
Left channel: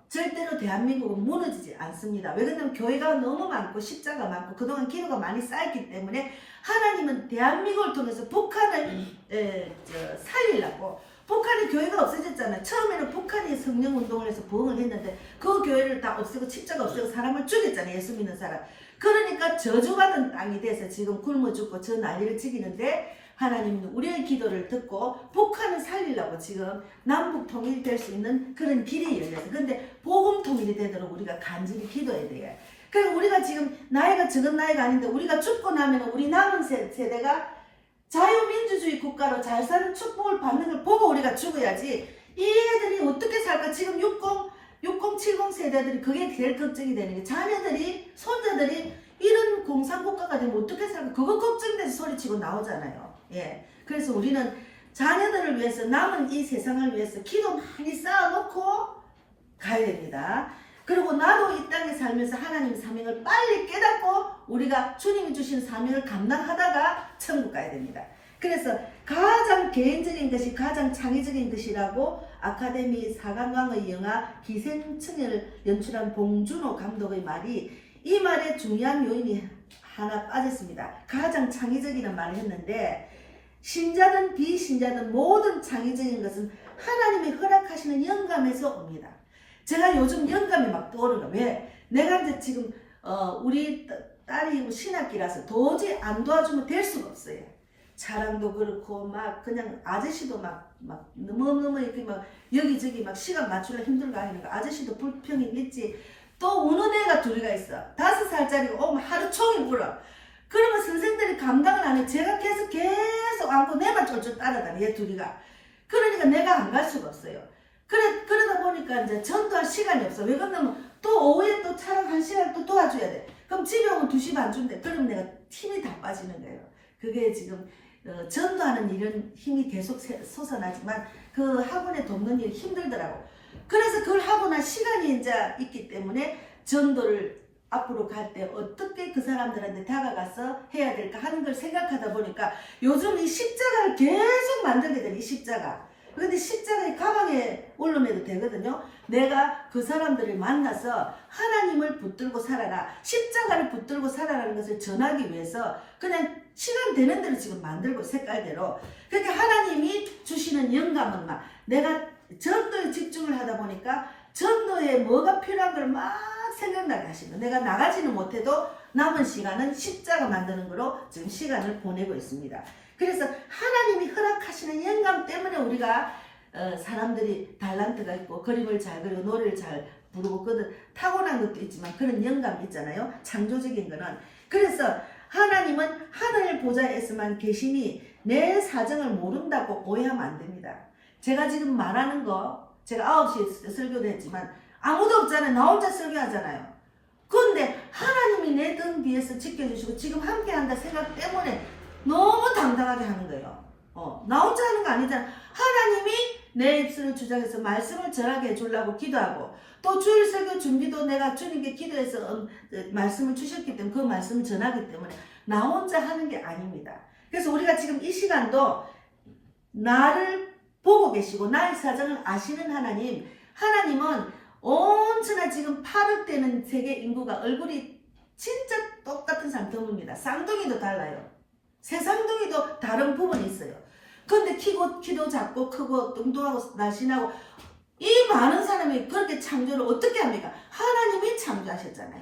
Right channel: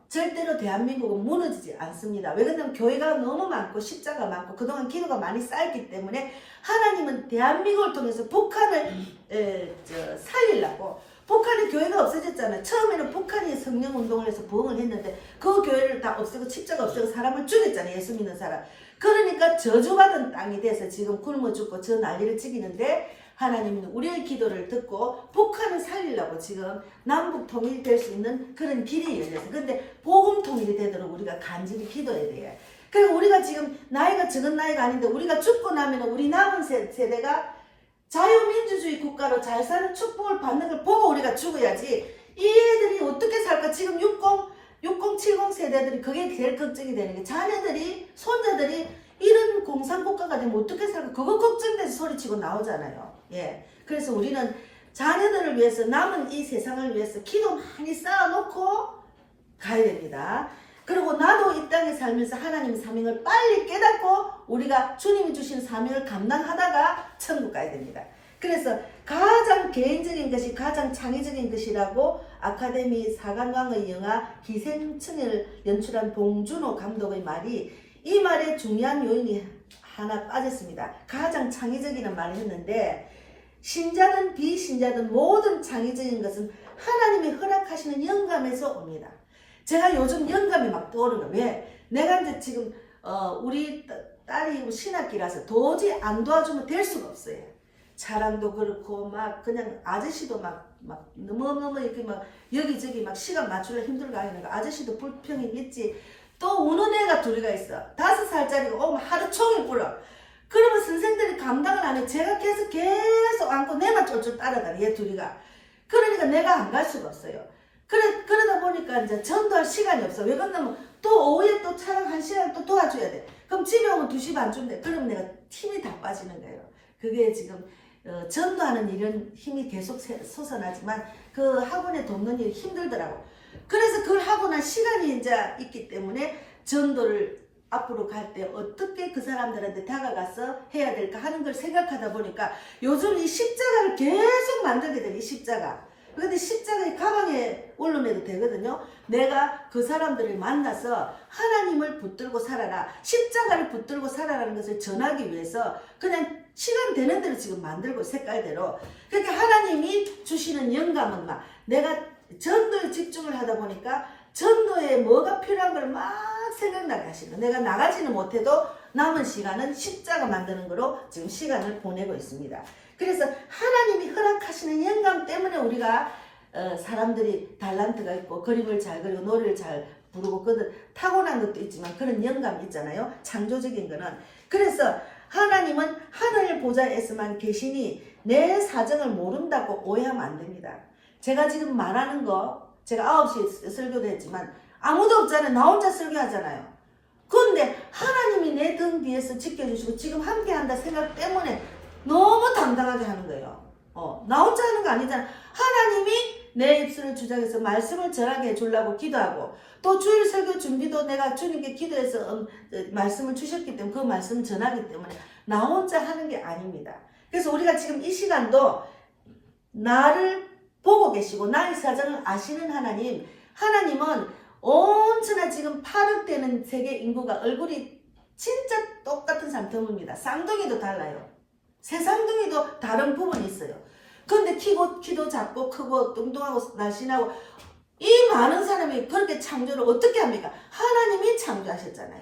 절대로 대한민국은 무너지지 않습니다. 왜 그러냐면 교회가 너무 많고 십자가 많고 그동안 기도가 많이 쌓였기 때문에 하나님은 대한민국을 통해서 북한을 살리려고 북한의 교회가 없어졌잖아요. 처음에는 북한이 성령운동을 해서 부흥을 했는데 그 교회를 다 없애고 십자가 없애고 사람을 죽였잖아요. 예수 믿는 사람. 그러니까 저주받은 땅이 돼서 지금 굶어 죽고 저 난리를 지기는데 하나님은 우리의 기도를 듣고 북한을 살리려고 지금 남북 통일될 수 있는 그런 길이 열려서 근데 복음 통일이 되도록 우리가 간절히 기도해야 돼요. 그리고 우리가 지금 나이가 적은 나이가 아닌데 우리가 죽고 나면 우리 남은 세대가 자유민주주의 국가로 잘 사는 축복을 받는 걸 보고 우리가 죽어야지 이 애들이 어떻게 살까. 지금 60, 70 세대들이 그게 제일 걱정이 되는 게 자녀들이 손자들이 이런 공산국가가 되면 어떻게 살까. 그거 걱정돼서 소리치고 나오잖아요. 예. 그래서 우리는 자녀들을 위해서 남은 이 세상을 위해서 기도 많이 쌓아놓고 가야 됩니다. 그리고 나도 이 땅에 살면서 하나님의 사명을 빨리 깨닫고 우리가 주님이 주신 사명을 감당하다가 천국 가야 됩니다. 그래서 가장 개인적인 것이 가장 창의적인 것이라고 아카데미 사관왕의 영화 기생충을 연출한 봉준호 감독의 말이 이 말에 중요한 요인이 하나 빠졌습니다. 가장 창의적이라는 말을 했는데 신자든 비신자든 모든 창의적인 것은 하나님이 허락하시는 영감에서 옵니다. 제가 요즘 영감이 막 떠오르는 거예요. 왜? 내가 이제 지금 우리 딸이 신학기라서 도저히 안 도와주면 될 수가 없어요. 차량도 그렇고 막 그냥 아저씨도 막 너무 이렇게 막 여기저기 막 시간 맞추려 힘들고 하는 거 아저씨도 불평이 있지. 또 우는 애가 둘이가 있어. 5살짜리가 오면 하루 종일 불어. 그러면 선생들이 감당을 안 해. 제가 계속 안고 내만 쫄쫄 따라다니 얘 둘이가. 그러니까 내가 안 갈 수가 없어요. 그러다 보니까 이제 전도할 시간이 없어. 왜 그러냐면 또 오후에 또 차량 1시간 또 도와줘야 돼. 그럼 집에 오면 2시 반쯤 돼. 그러면 내가 힘이 다 빠지는 거예요. 그게 지금 전도하는 일은 힘이 계속 솟아나지만 그 학원에 돕는 일이 힘들더라고. 그래서 그걸 하고 난 시간이 이제 있기 때문에 전도를 앞으로 갈 때 어떻게 그 사람들한테 다가가서 해야 될까 하는 걸 생각하다 보니까 요즘 이 십자가를 계속 만들게 되니 십자가. 근데 십자가의 가방에 올려내도 되거든요. 내가 그 사람들을 만나서 하나님을 붙들고 살아라. 십자가를 붙들고 살아라는 것을 전하기 위해서 그냥 시간 되는 대로 지금 만들고 색깔대로. 그러니까 하나님이 주시는 영감은 막 내가 전도에 집중을 하다 보니까 전도에 뭐가 필요한 걸 막 생각나게 하시는 거예요. 내가 나가지는 못해도 남은 시간은 십자가 만드는 거로 지금 시간을 보내고 있습니다. 그래서 하나님이 허락하시는 영감 때문에 우리가 사람들이 달란트가 있고 그림을 잘 그리고 노래를 잘 부르고 그들 타고난 것도 있지만 그런 영감이 있잖아요. 창조적인 거는. 그래서 하나님은 하늘 보좌에서만 계시니 내 사정을 모른다고 오해하면 안 됩니다. 제가 지금 말하는 거 제가 9시에 설교도 했지만 아무도 없잖아요. 나 혼자 설교하잖아요. 그런데 하나님이 내 등 뒤에서 지켜주시고 지금 함께 한다 생각 때문에 너무 당당하게 하는 거예요. 나 혼자 하는 거 아니잖아. 하나님이 내 입술을 주장해서 말씀을 전하게 해주려고 기도하고 또 주일 설교 준비도 내가 주님께 기도해서 말씀을 주셨기 때문에 그 말씀을 전하기 때문에 나 혼자 하는 게 아닙니다. 그래서 우리가 지금 이 시간도 나를 보고 계시고 나의 사정을 아시는 하나님은 온천하 지금 8억 되는 세계 인구가 얼굴이 진짜 똑같은 사람 드뭅니다. 쌍둥이도 달라요. 새 쌍둥이도 다른 부분이 있어요. 근데 키도 작고 크고 뚱뚱하고 날씬하고 이 많은 사람이 그렇게 창조를 어떻게 합니까? 하나님이 창조하셨잖아요.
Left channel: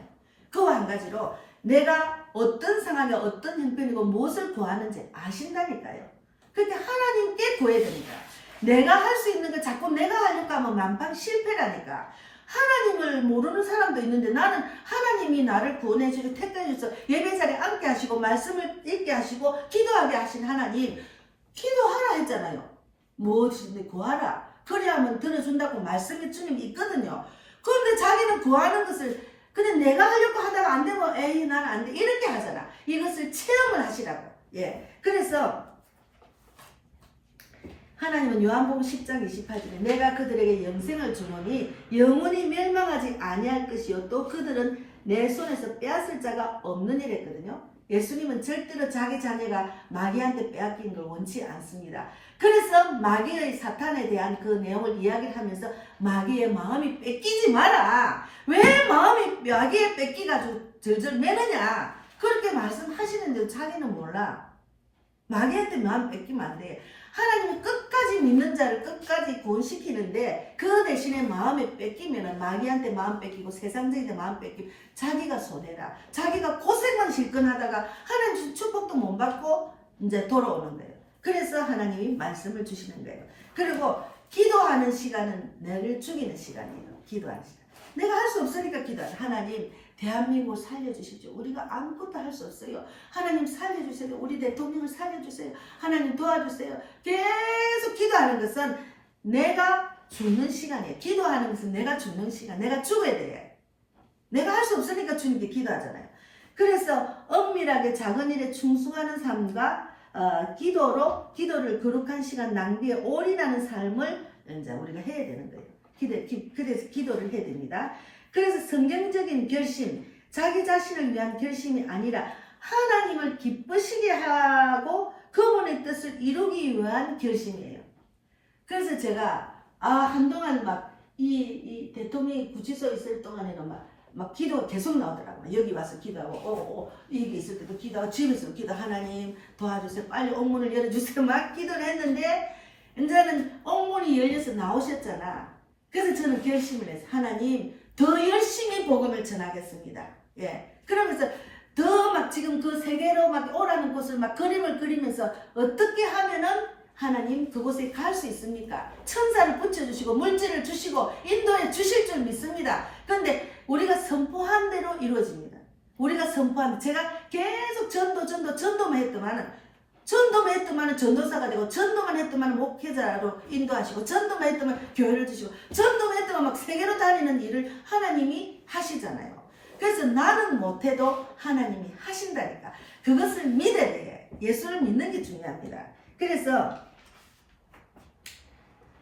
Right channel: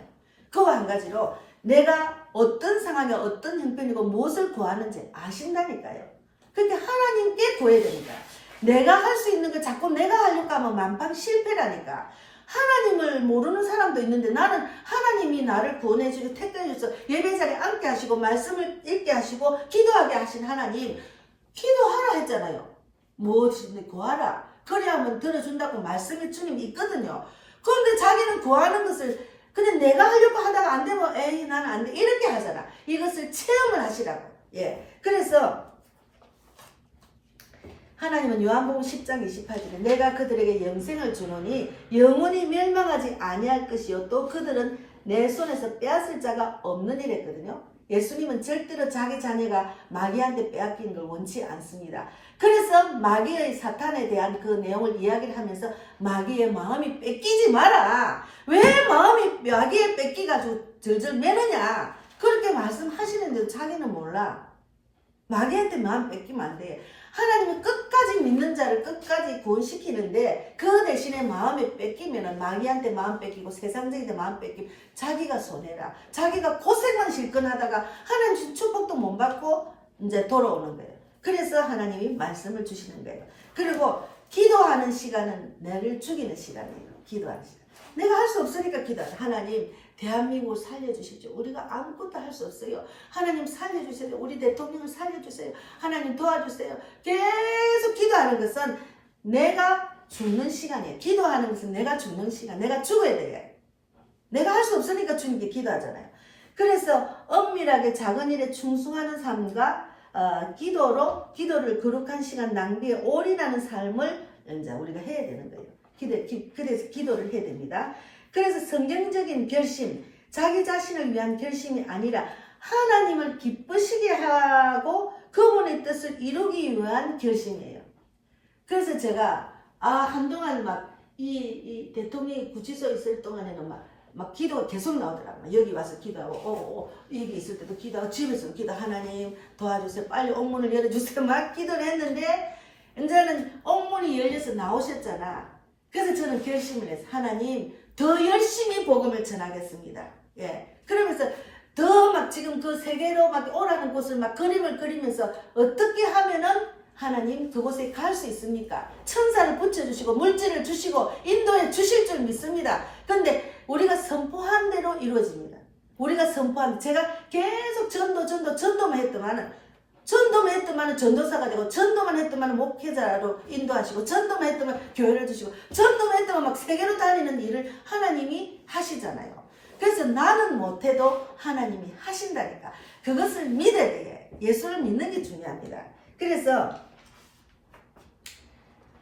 그와 한 가지로 내가 어떤 상황에 어떤 형편이고 무엇을 구하는지 아신다니까요. 그렇게 하나님께 구해야 되니까. 내가 할 수 있는 걸 자꾸 내가 하려고 하면 만방 실패라니까. 하나님을 모르는 사람도 있는데 나는 하나님이 나를 구원해 주시고 택해 주셔서 예배 자리에 앉게 하시고 말씀을 읽게 하시고 기도하게 하신 하나님, 기도하라 했잖아요. 무엇이든지 구하라. 그래야만 들어준다고 말씀이 주님이 있거든요. 그런데 자기는 구하는 것을 그냥 내가 하려고 하다가 안 되면 에이 난 안 돼 이렇게 하잖아. 이것을 체험을 하시라고. 예. 그래서 하나님은 요한복음 10장 28절에 내가 그들에게 영생을 주노니 영원히 멸망하지 아니할 것이요 또 그들은 내 손에서 빼앗을 자가 없는 이랬거든요. 예수님은 절대로 자기 자녀가 마귀한테 빼앗긴 걸 원치 않습니다. 그래서 마귀의 사탄에 대한 그 내용을 이야기를 하면서 마귀의 마음이 뺏기지 마라. 왜 마음이 마귀에 뺏기가지고 절절 매느냐. 그렇게 말씀하시는데 자기는 몰라. 마귀한테 마음 뺏기면 안 돼. 하나님이 끝까지 믿는 자를 끝까지 구원시키는데 그 대신에 마음이 뺏기면 마귀한테 마음 뺏기고 세상적인 데 마음 뺏기고 자기가 손해라. 자기가 고생만 실컷 하다가 하나님 축복도 못 받고 이제 돌아오는 거예요. 그래서 하나님이 말씀을 주시는 거예요. 그리고 기도하는 시간은 나를 죽이는 시간이에요. 기도하는 시간. 내가 할 수 없으니까 기도하자. 하나님 대한민국을 살려주십시오. 우리가 아무것도 할 수 없어요. 하나님 살려주세요. 우리 대통령을 살려주세요. 하나님 도와주세요. 계속 기도하는 것은 내가 죽는 시간이에요. 기도하는 것은 내가 죽는 시간. 내가 죽어야 돼요. 내가 할 수 없으니까 주님께 기도하잖아요. 그래서 엄밀하게 작은 일에 충성하는 삶과 기도를 거룩한 시간 낭비에 올인하는 삶을 이제 우리가 해야 되는 거예요. 그래서 기도를 해야 됩니다. 그래서 성경적인 결심, 자기 자신을 위한 결심이 아니라 하나님을 기쁘시게 하고 그분의 뜻을 이루기 위한 결심이에요. 그래서 제가 한동안 막 이 대통령이 구치소에 있을 동안에는 막 기도가 계속 나오더라고요. 여기 와서 기도하고 이게 있을 때도 기도하고 집에서 기도 하나님 도와주세요. 빨리 옥문을 열어주세요. 막 기도를 했는데 이제는 옥문이 열려서 나오셨잖아. 그래서 저는 결심을 했어요. 하나님 더 열심히 복음을 전하겠습니다. 예. 그러면서 더 막 지금 그 세계로 막 오라는 곳을 막 그림을 그리면서 어떻게 하면은 하나님 그곳에 갈 수 있습니까? 천사를 붙여주시고 물질을 주시고 인도해 주실 줄 믿습니다. 그런데 우리가 선포한 대로 이루어집니다. 우리가 선포한 제가 계속 전도만 했더만은 전도사가 되고 전도만 했더만 목회자로 인도하시고 전도만 했더만 교회를 주시고 전도만 했더만 막 세계로 다니는 일을 하나님이 하시잖아요. 그래서 나는 못해도 하나님이 하신다니까. 그것을 믿어야 돼. 예수를 믿는 게 중요합니다. 그래서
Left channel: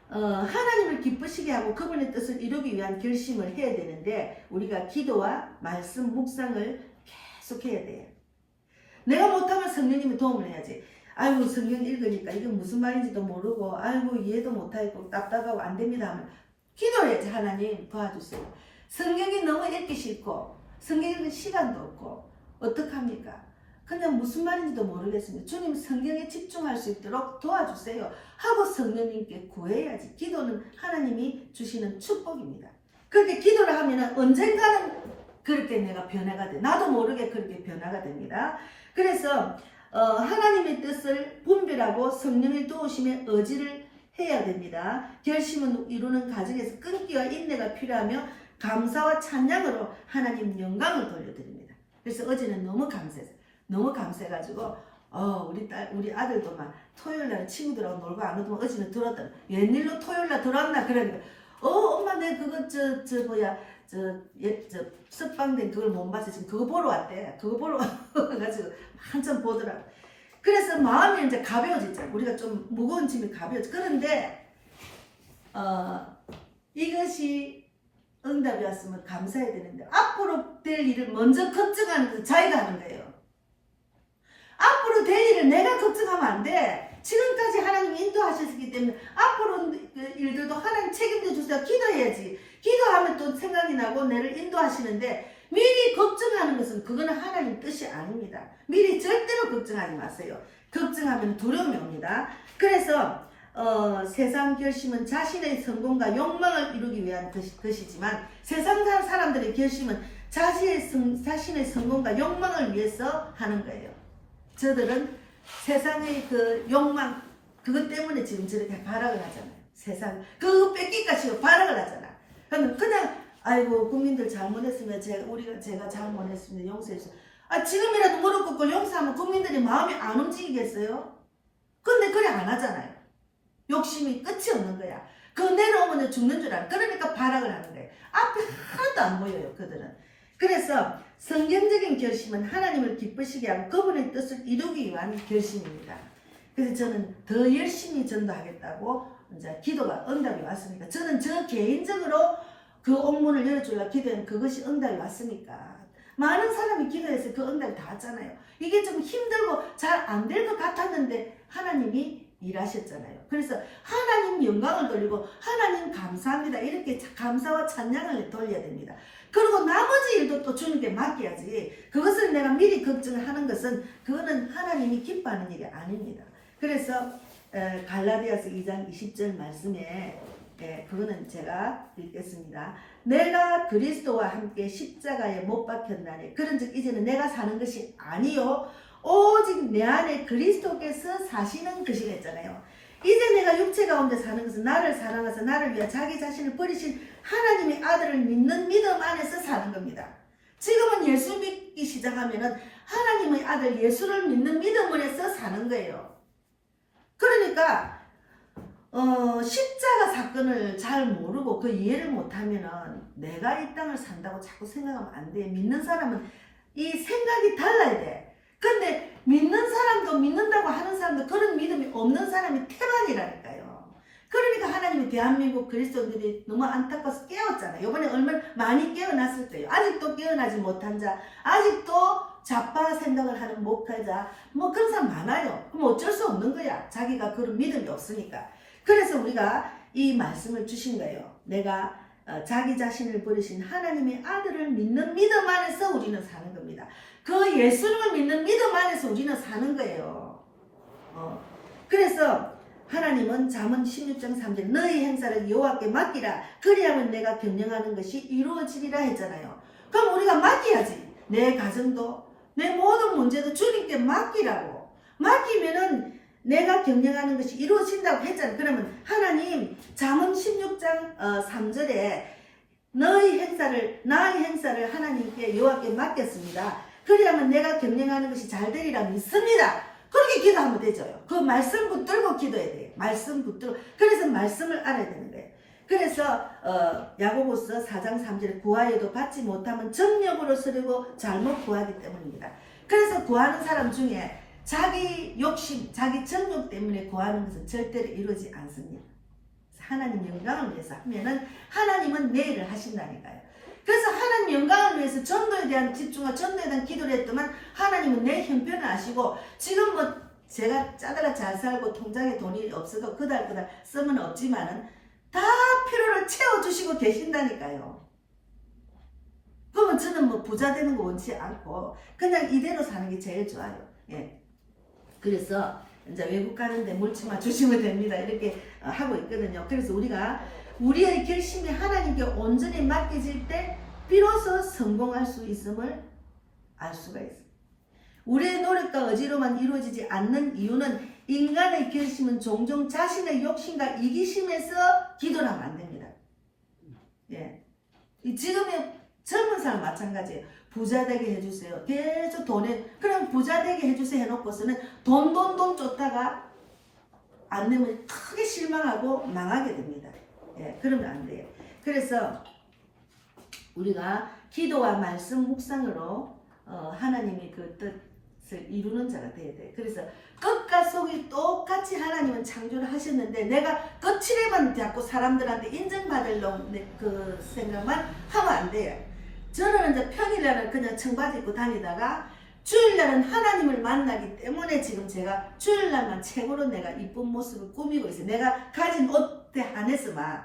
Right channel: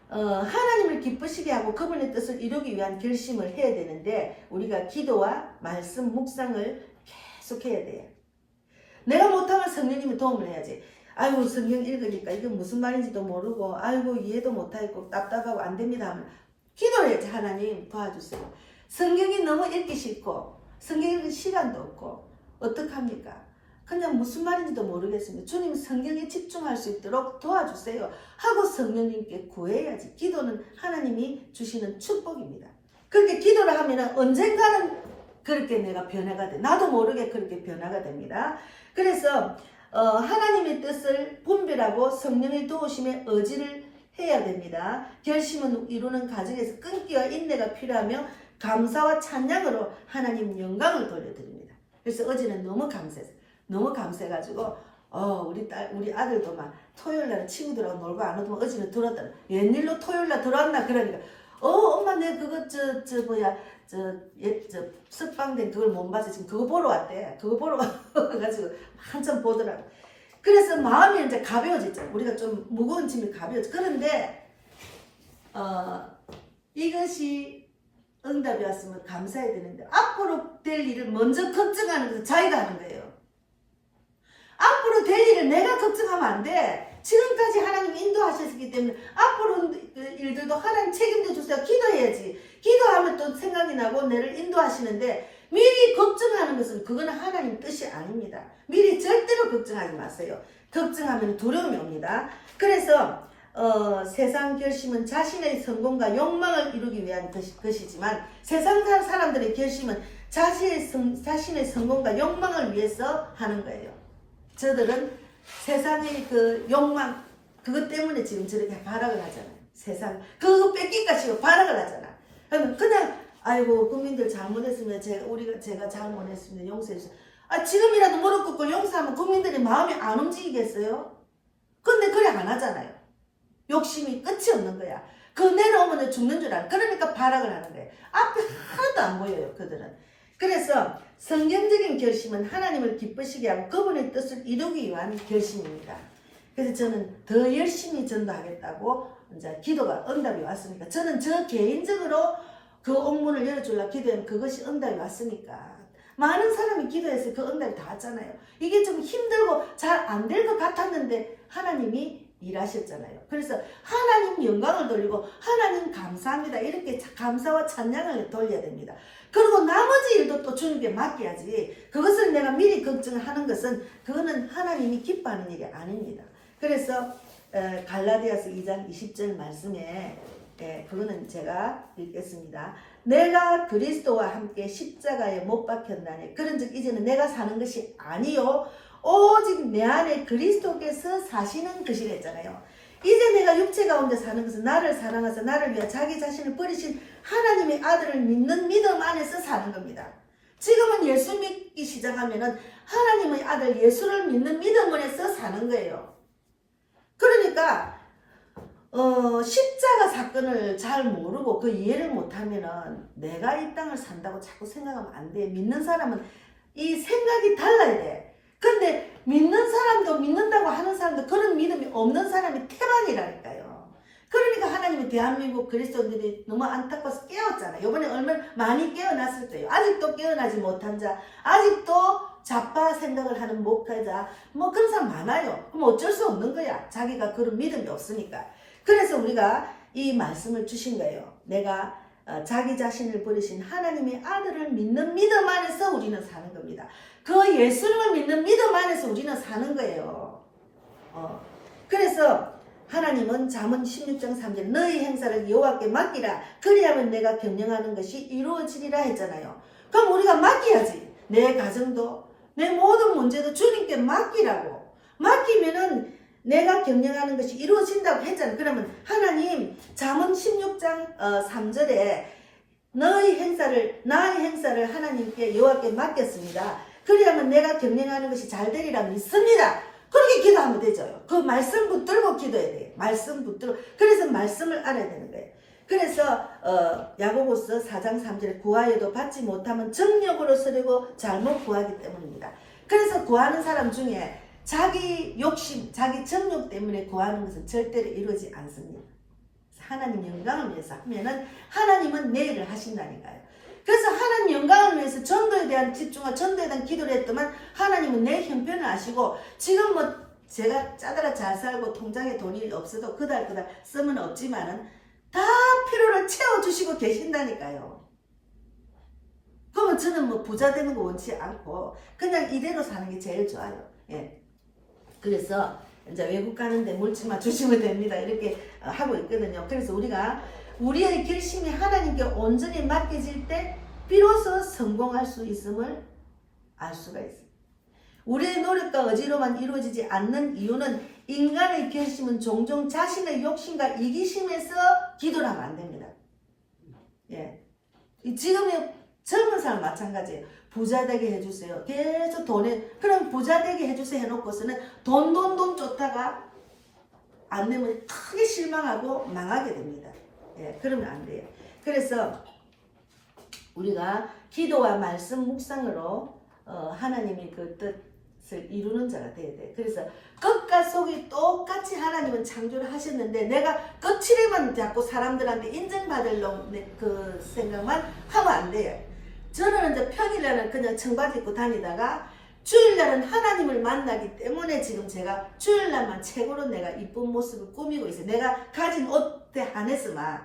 하나님을 기쁘시게 하고 그분의 뜻을 이루기 위한 결심을 해야 되는데 우리가 기도와 말씀 묵상을 계속 해야 돼요. 내가 못하면 성령님이 도움을 해야지. 아이고 성경 읽으니까 이게 무슨 말인지도 모르고 아이고 이해도 못하고 답답하고 안 됩니다 하면 기도해야지. 하나님 도와주세요. 성경이 너무 읽기 싫고 성경 읽을 시간도 없고 어떡합니까? 그냥 무슨 말인지도 모르겠습니다. 주님 성경에 집중할 수 있도록 도와주세요 하고 성령님께 구해야지. 기도는 하나님이 주시는 축복입니다. 그렇게 기도를 하면 언젠가는 그렇게 내가 변화가 돼. 나도 모르게 그렇게 변화가 됩니다. 그래서 하나님의 뜻을 분별하고 성령의 도우심에 의지를 해야 됩니다. 결심은 이루는 과정에서 끈기와 인내가 필요하며 감사와 찬양으로 하나님 영광을 돌려드립니다. 그래서 어제는 너무 감사했어요. 너무 감사해가지고 우리 아들도 막 토요일날 친구들하고 놀고 안 오더만 어제는 들었더니 웬일로 토요일날 들어왔나 그러니까 엄마 내 그거 석방된 그걸 못 봐서 지금 그거 보러 왔대. 그거 보러 와가지고 한참 보더라고. 그래서 마음이 이제 가벼워졌죠. 우리가 좀 무거운 짐이 가벼워져. 그런데 이것이 응답이 왔으면 감사해야 되는데 앞으로 될 일을 먼저 걱정하는 것은 자기가 하는 거예요. 앞으로 될 일을 내가 걱정하면 안 돼. 지금까지 하나님 인도하셨기 때문에 앞으로 일들도 하나님 책임져 주세요. 기도해야지. 기도하면 또 생각이 나고 나를 인도하시는데 미리 걱정하는 것은 그거는 하나님 뜻이 아닙니다. 미리 절대로 걱정하지 마세요. 걱정하면 두려움이 옵니다. 그래서 세상 결심은 자신의 성공과 욕망을 이루기 위한 것이지만 세상 사람들의 결심은 자신의 성공과 욕망을 위해서 하는 거예요. 저들은 세상의 그 욕망 그것 때문에 지금 저렇게 발악을 하잖아요. 세상 그거 뺏기까 싶어 발악을 하잖아. 그냥 아이고 국민들 잘못했으면 제가 잘못했습니다. 용서해주세요. 지금이라도 무릎 꿇고 용서하면 국민들이 마음이 안 움직이겠어요? 근데 그래 안 하잖아요. 욕심이 끝이 없는 거야. 그 내려오면 죽는 줄 알아. 그러니까 발악을 하는 거예요. 앞에 하나도 안 보여요. 그들은. 그래서 성경적인 결심은 하나님을 기쁘시게 하고 그분의 뜻을 이루기 위한 결심입니다. 그래서 저는 더 열심히 전도하겠다고 이제 기도가 응답이 왔으니까 저는 저 개인적으로 그 옥문을 열어주려고 기도한 그것이 응답이 왔으니까 많은 사람이 기도해서 그 응답이 다 왔잖아요. 이게 좀 힘들고 잘 안 될 것 같았는데 하나님이 일하셨잖아요. 그래서 하나님 영광을 돌리고 하나님 감사합니다. 이렇게 감사와 찬양을 돌려야 됩니다. 그리고 나머지 일도 또 주님께 맡겨야지. 그것을 내가 미리 걱정을 하는 것은 그거는 하나님이 기뻐하는 일이 아닙니다. 그래서 갈라디아서 2장 20절 말씀에 그거는 제가 읽겠습니다. 내가 그리스도와 함께 십자가에 못 박혔나니 그런즉 이제는 내가 사는 것이 아니요 오직 내 안에 그리스도께서 사시는 것이라 했잖아요. 이제 내가 육체 가운데 사는 것은 나를 사랑하사 나를 위하여 자기 자신을 버리신 하나님의 아들을 믿는 믿음 안에서 사는 겁니다. 지금은 예수 믿기 시작하면은 하나님의 아들 예수를 믿는 믿음 안에서 사는 거예요. 그러니까 십자가 사건을 잘 모르고 그 이해를 못하면은 내가 이 땅을 산다고 자꾸 생각하면 안 돼. 믿는 사람은 이 생각이 달라야 돼. 근데 믿는 사람도 믿는다고 하는 사람도 그런 믿음이 없는 사람이 태반이라니까요. 그러니까 하나님이 대한민국 그리스도인들이 너무 안타까워서 깨웠잖아요. 이번에 얼마나 많이 깨어났을 거예요. 아직도 깨어나지 못한 자, 아직도 좌파 생각을 하는 목회자, 뭐 그런 사람 많아요. 그럼 어쩔 수 없는 거야. 자기가 그런 믿음이 없으니까. 그래서 우리가 이 말씀을 주신 거예요. 내가 자기 자신을 버리신 하나님의 아들을 믿는 믿음 안에서 우리는 사는 겁니다. 그 예수님을 믿는 믿음 안에서 우리는 사는 거예요. 그래서 하나님은 잠언 16장 3절 너희 행사를 여호와께 맡기라 그리하면 내가 경영하는 것이 이루어지리라 했잖아요. 그럼 우리가 맡겨야지. 내 가정도 내 모든 문제도 주님께 맡기라고. 맡기면은 내가 경영하는 것이 이루어진다고 했잖아요. 그러면 하나님 잠언 16장 3절에 나의 행사를 하나님께 여호와께 맡겼습니다. 그리하면 내가 경영하는 것이 잘 되리라 믿습니다. 그렇게 기도하면 되죠. 그 말씀 붙들고 기도해야 돼요. 말씀 붙들고. 그래서 말씀을 알아야 되는 거예요. 그래서 야고보서 4장 3절에 구하여도 받지 못하면 정욕으로 쓰려고 잘못 구하기 때문입니다. 그래서 구하는 사람 중에 자기 욕심, 자기 정욕 때문에 구하는 것은 절대로 이루어지지 않습니다. 하나님 영광을 위해서 하면은 하나님은 내 일을 하신다니까요. 그래서 하나님 영광을 위해서 전도에 대한 집중과 전도에 대한 기도를 했더만 하나님은 내 형편을 아시고 지금 뭐 제가 짜다가 잘 살고 통장에 돈이 없어도 그달 쓰면 없지만은 다 필요를 채워주시고 계신다니까요. 그러면 저는 뭐 부자 되는 거 원치 않고 그냥 이대로 사는 게 제일 좋아요. 예. 그래서 이제 외국 가는데 물지만 주시면 됩니다. 이렇게 하고 있거든요. 그래서 우리가 우리의 결심이 하나님께 온전히 맡겨질 때 비로소 성공할 수 있음을 알 수가 있습니다. 우리의 노력과 의지로만 이루어지지 않는 이유는 인간의 결심은 종종 자신의 욕심과 이기심에서 기도를 하면 안 됩니다. 예. 지금의 젊은 사람 마찬가지예요. 부자 되게 해주세요. 계속 그럼 부자 되게 해주세요 해놓고서는 돈 쫓다가 안 되면 크게 실망하고 망하게 됩니다. 예, 그러면 안 돼요. 그래서 우리가 기도와 말씀 묵상으로 하나님의 그 뜻을 이루는 자가 되어야 돼요. 그래서 끝과 속이 똑같이 하나님은 창조를 하셨는데 내가 끝이래만 자꾸 사람들한테 인정받으려고 그 생각만 하면 안 돼요. 저는 이제 평일날은 그냥 청바지 입고 다니다가 주일날은 하나님을 만나기 때문에 지금 제가 주일날만 최고로 내가 이쁜 모습을 꾸미고 있어요. 내가 가진 옷에 한해서만.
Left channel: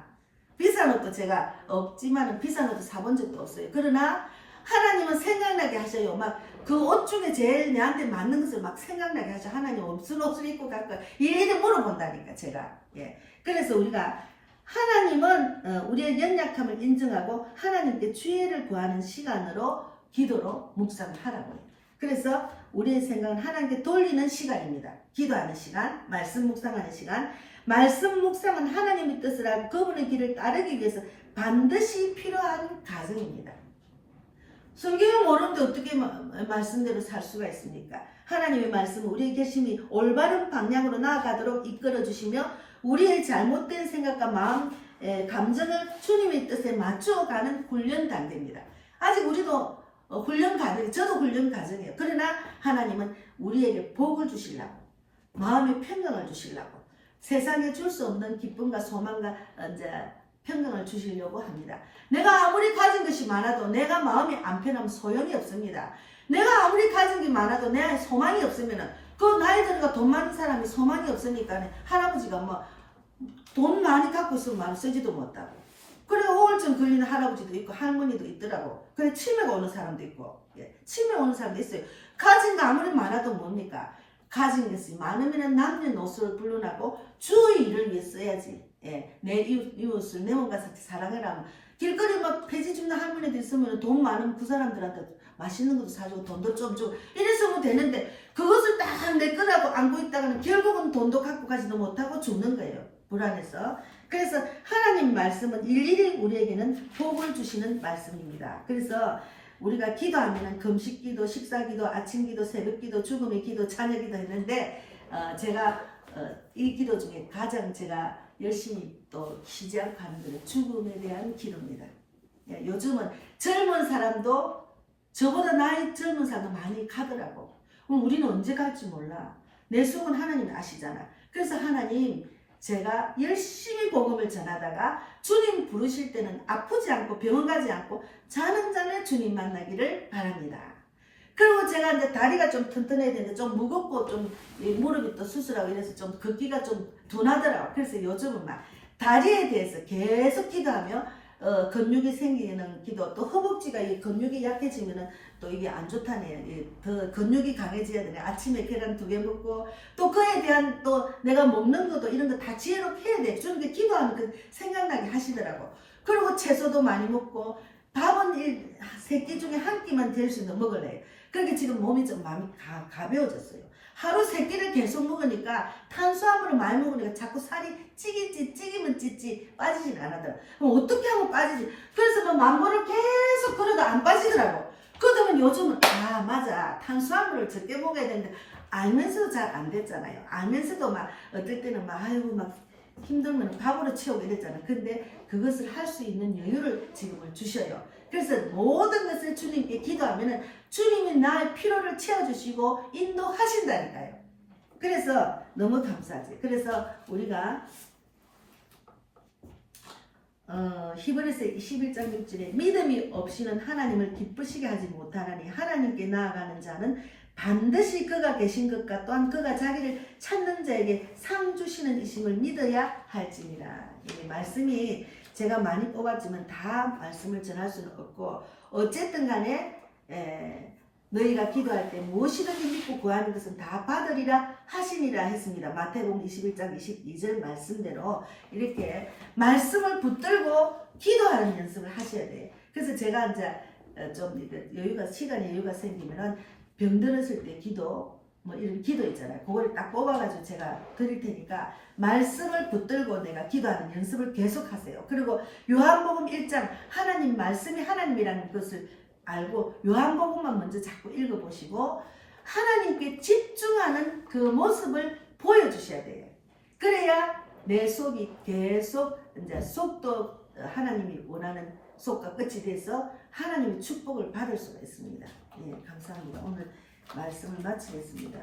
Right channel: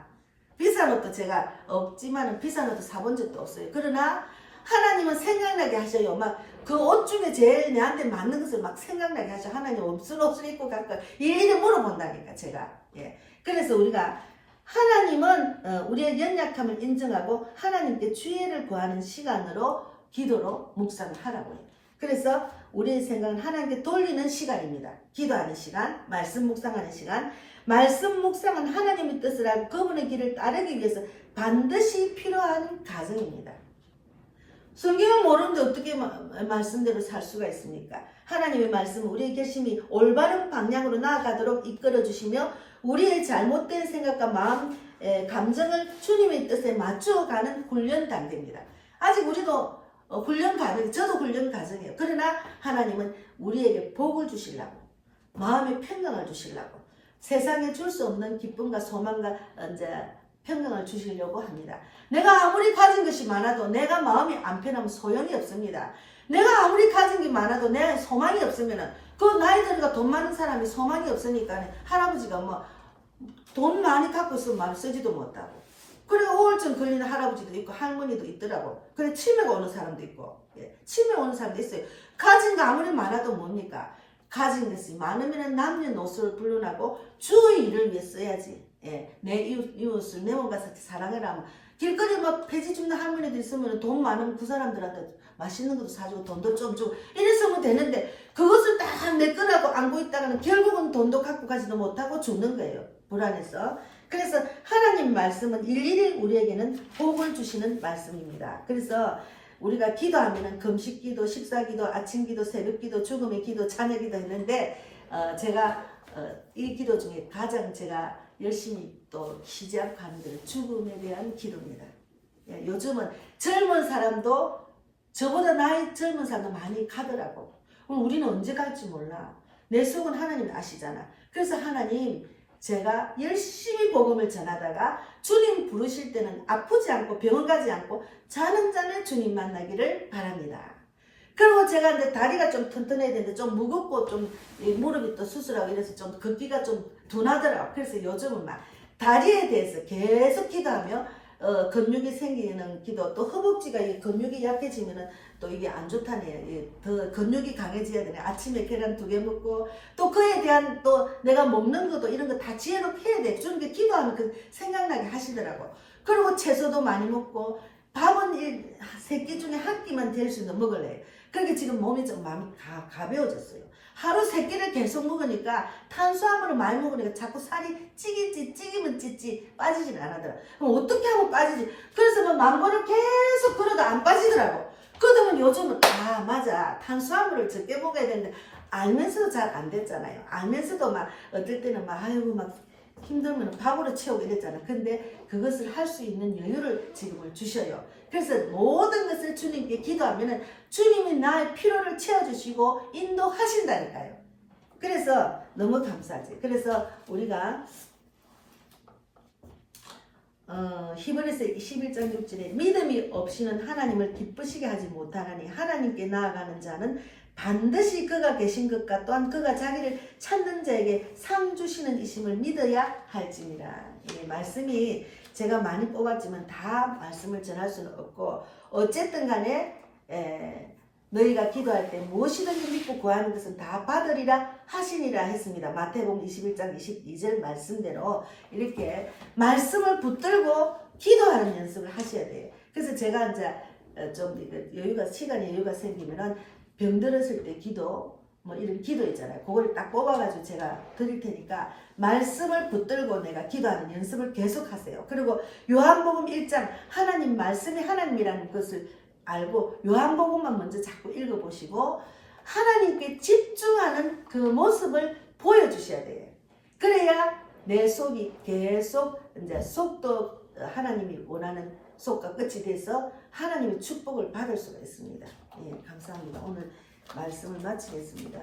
비싼 옷도 제가 없지만은 비싼 옷도 사본 적도 없어요. 그러나 하나님은 생각나게 하셔요. 막 그 옷 중에 제일 내한테 맞는 것을 막 생각나게 하죠. 하나님 무슨 옷을 입고 갈까? 이렇게 물어본다니까 제가. 예. 그래서 우리가 하나님은 우리의 연약함을 인정하고 하나님께 주의를 구하는 시간으로 기도로 묵상을 하라고요. 그래서 우리의 생각은 하나님께 돌리는 시간입니다. 기도하는 시간, 말씀 묵상하는 시간. 말씀 묵상은 하나님의 뜻을 알고 그분의 길을 따르기 위해서 반드시 필요한 과정입니다. 성경을 모르는데 어떻게 말씀대로 살 수가 있습니까? 하나님의 말씀은 우리의 결심이 올바른 방향으로 나아가도록 이끌어 주시며 우리의 잘못된 생각과 마음, 감정을 주님의 뜻에 맞추어가는 훈련 단계입니다. 아직 우리도 훈련 과정, 저도 훈련 과정이에요. 그러나 하나님은 우리에게 복을 주시려고, 마음의 평강을 주시려고, 세상에 줄 수 없는 기쁨과 소망과 이제 평강을 주시려고 합니다. 내가 아무리 가진 것이 많아도 내가 마음이 안 편하면 소용이 없습니다. 내가 아무리 가진 게 많아도 내 소망이 없으면 그 나이 들어가 돈 많은 사람이 소망이 없으니까 할아버지가 뭐 돈 많이 갖고 있으면 마음 쓰지도 못하고 그리고 우울증 걸리는 할아버지도 있고 할머니도 있더라고. 그래 치매가 오는 사람도 있고 치매 오는 사람도 있어요. 가진 거 아무리 많아도 뭡니까? 가진 것이 많으면 남녀노소를 불문하고 주의 일을 위해 써야지. 내 이웃을 내 몸과 같이 사랑해라 하면 길거리에 막 폐지 줍는 할머니도 있으면 돈 많으면 그 사람들한테 맛있는 것도 사주고 돈도 좀 주고 이랬으면 되는데 그것을 딱 내 거라고 안고 있다가는 결국은 돈도 갖고 가지도 못하고 죽는 거예요. 불안해서. 그래서 하나님 말씀은 일일이 우리에게는 복을 주시는 말씀입니다. 그래서 우리가 기도하면은 금식기도, 식사기도, 아침기도, 새벽기도, 죽음의 기도, 자녀기도 했는데 제가 이 기도 중에 가장 제가 열심히 또 쉬지 않고 하는 것은 죽음에 대한 기도입니다. 요즘은 젊은 사람도 저보다 나이 젊은 사람도 많이 가더라고. 우리는 언제 갈지 몰라. 내 속은 하나님 아시잖아. 그래서 하나님 제가 열심히 복음을 전하다가 주님 부르실 때는 아프지 않고 병원 가지 않고 자는 잠에 주님 만나기를 바랍니다. 그리고 제가 이제 다리가 좀 튼튼해야 되는데 좀 무겁고 좀 무릎이 또 수술하고 이래서 좀 걷기가 좀 둔하더라고. 그래서 요즘은 막 다리에 대해서 계속 기도하며 근육이 생기는 기도, 또 허벅지가 이 근육이 약해지면은 또 이게 안 좋다네요. 더 근육이 강해져야 되네. 아침에 계란 2개 먹고 또 그에 대한 또 내가 먹는 것도 이런 거 다 지혜롭게 해야 돼. 주님께 기도하면 그 생각나게 하시더라고. 그리고 채소도 많이 먹고 밥은 3끼 중에 1끼만 될 수 있는 먹을래요. 그렇게 지금 몸이 좀 마음이 가벼워졌어요. 하루 3끼를 계속 먹으니까 탄수화물을 많이 먹으니까 자꾸 살이 찌기면 찌지 빠지진 않아더라. 그럼 어떻게 하면 빠지지? 그래서 뭐 망고를 계속 걸어도 안 빠지더라고. 그러면 요즘은 맞아 탄수화물을 적게 먹어야 되는데 알면서도 잘 안 됐잖아요. 알면서도 막 어떨 때는 막 아이고 막 힘들면 밥으로 채우고 이랬잖아. 근데 그것을 할 수 있는 여유를 지금을 주셔요. 그래서 모든 것을 주님께 기도하면은 주님이 나의 필요를 채워주시고 인도하신다니까요. 그래서 너무 감사하지. 그래서 우리가 히브리서 21장 6절에 믿음이 없이는 하나님을 기쁘시게 하지 못하나니 하나님께 나아가는 자는 반드시 그가 계신 것과 또한 그가 자기를 찾는 자에게 상 주시는 이심을 믿어야 할지니라. 이 말씀이 제가 많이 뽑았지만 다 말씀을 전할 수는 없고 어쨌든 간에 너희가 기도할 때 무엇이든지 믿고 구하는 것은 다 받으리라 하시니라 했습니다. 마태복음 21장 22절 말씀대로 이렇게 말씀을 붙들고 기도하는 연습을 하셔야 돼요. 그래서 제가 이제 좀 시간이 여유가 생기면은 병들었을 때 기도 뭐 이런 기도 있잖아요. 그걸 딱 뽑아가지고 제가 드릴 테니까 말씀을 붙들고 내가 기도하는 연습을 계속 하세요. 그리고 요한복음 1장 하나님 말씀이 하나님이라는 것을 알고 요한복음만 먼저 자꾸 읽어보시고 하나님께 집중하는 그 모습을 보여주셔야 돼요. 그래야 내 속이 계속 이제 속도 하나님이 원하는 속과 끝이 돼서 하나님의 축복을 받을 수가 있습니다. 예, 감사합니다. 오늘 말씀을 마치겠습니다.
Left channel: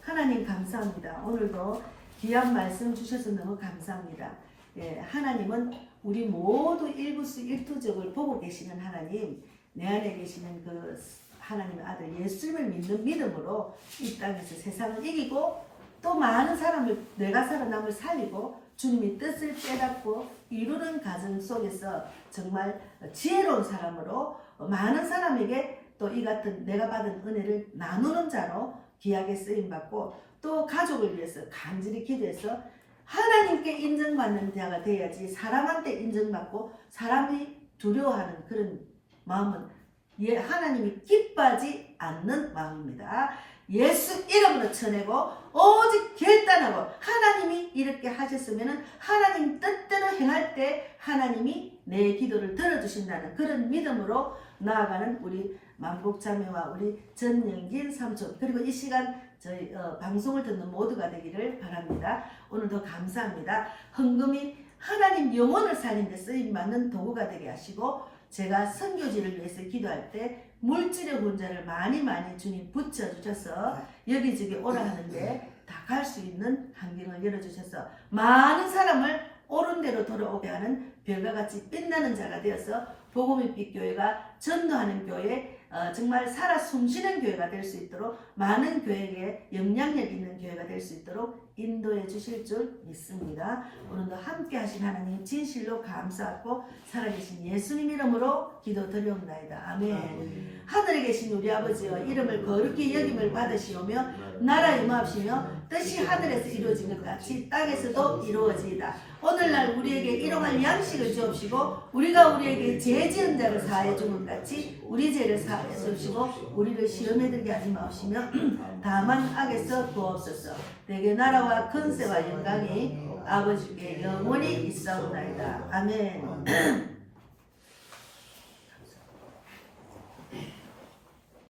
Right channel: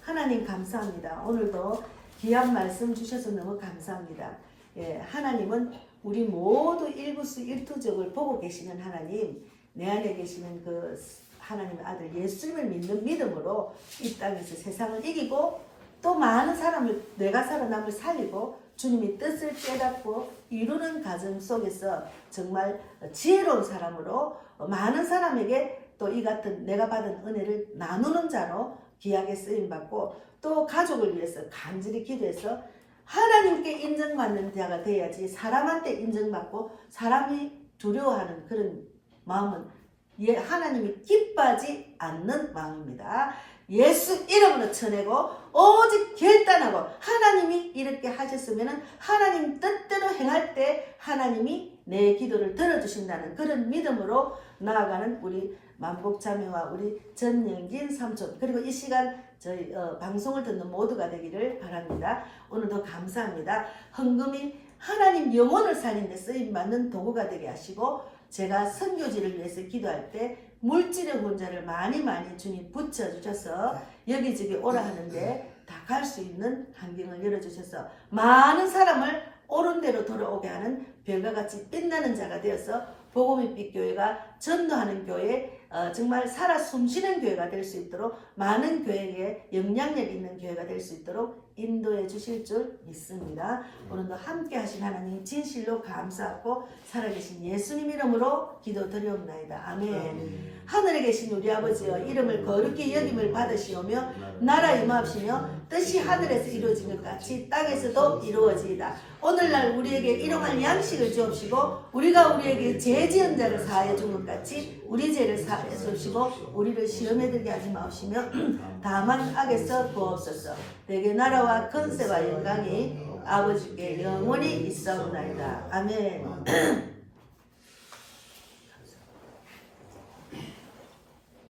하나님 감사합니다. 오늘도 귀한 말씀 주셔서 너무 감사합니다. 예, 하나님은 우리 모두 일거수일투족을 보고 계시는 하나님, 내 안에 계시는 그 하나님의 아들 예수님을 믿는 믿음으로 이 땅에서 세상을 이기고 또 많은 사람을 내가 살아남을 살리고 주님의 뜻을 깨닫고 이루는 과정 속에서 정말 지혜로운 사람으로 많은 사람에게 또 이 같은 내가 받은 은혜를 나누는 자로 귀하게 쓰임받고 또 가족을 위해서 간절히 기도해서 하나님께 인정받는 자가 돼야지 사람한테 인정받고 사람이 두려워하는 그런 마음은 하나님이 기뻐하지 않는 마음입니다. 예수 이름으로 쳐내고 오직 결단하고 하나님이 이렇게 하셨으면 하나님 뜻대로 행할 때 하나님이 내 기도를 들어주신다는 그런 믿음으로 나아가는 우리 만복자매와 우리 전영진 삼촌 그리고 이 시간 저희 방송을 듣는 모두가 되기를 바랍니다. 오늘도 감사합니다. 헌금이 하나님 영혼을 살리는 데 쓰임받는 도구가 되게 하시고 제가 선교지를 위해서 기도할 때 물질의 혼자를 많이 주님 붙여주셔서 여기저기 오라 하는데 다 갈 수 있는 환경을 열어주셔서 많은 사람을 옳은 대로 돌아오게 하는 별과 같이 빛나는 자가 되어서 복음의 빛 교회가 전도하는 교회 정말 살아 숨쉬는 교회가 될 수 있도록 많은 교회에 영향력 있는 교회가 될 수 있도록 인도해 주실 줄 믿습니다. 오늘도 함께 하신 하나님 진실로 감사하고 살아계신 예수님 이름으로 기도드리옵나이다. 아멘. 하늘에 계신 우리 아버지여 이름을 거룩히 여김을 받으시오며 나라 임하옵시며 뜻이 하늘에서 이루어진 것 같이 땅에서도 이루어지이다. 오늘날 우리에게 일용할 양식을 주옵시고 우리가 우리에게 죄 지은 자를 사하여 준 것 같이 우리 죄를 사하여 주옵시고 우리를 시험에 들게 하지 마옵시며 다만 악에서 구하옵소서. 내게 나라와 권세와 영광이 아버지께 영원히 있사옵나이다. 아멘.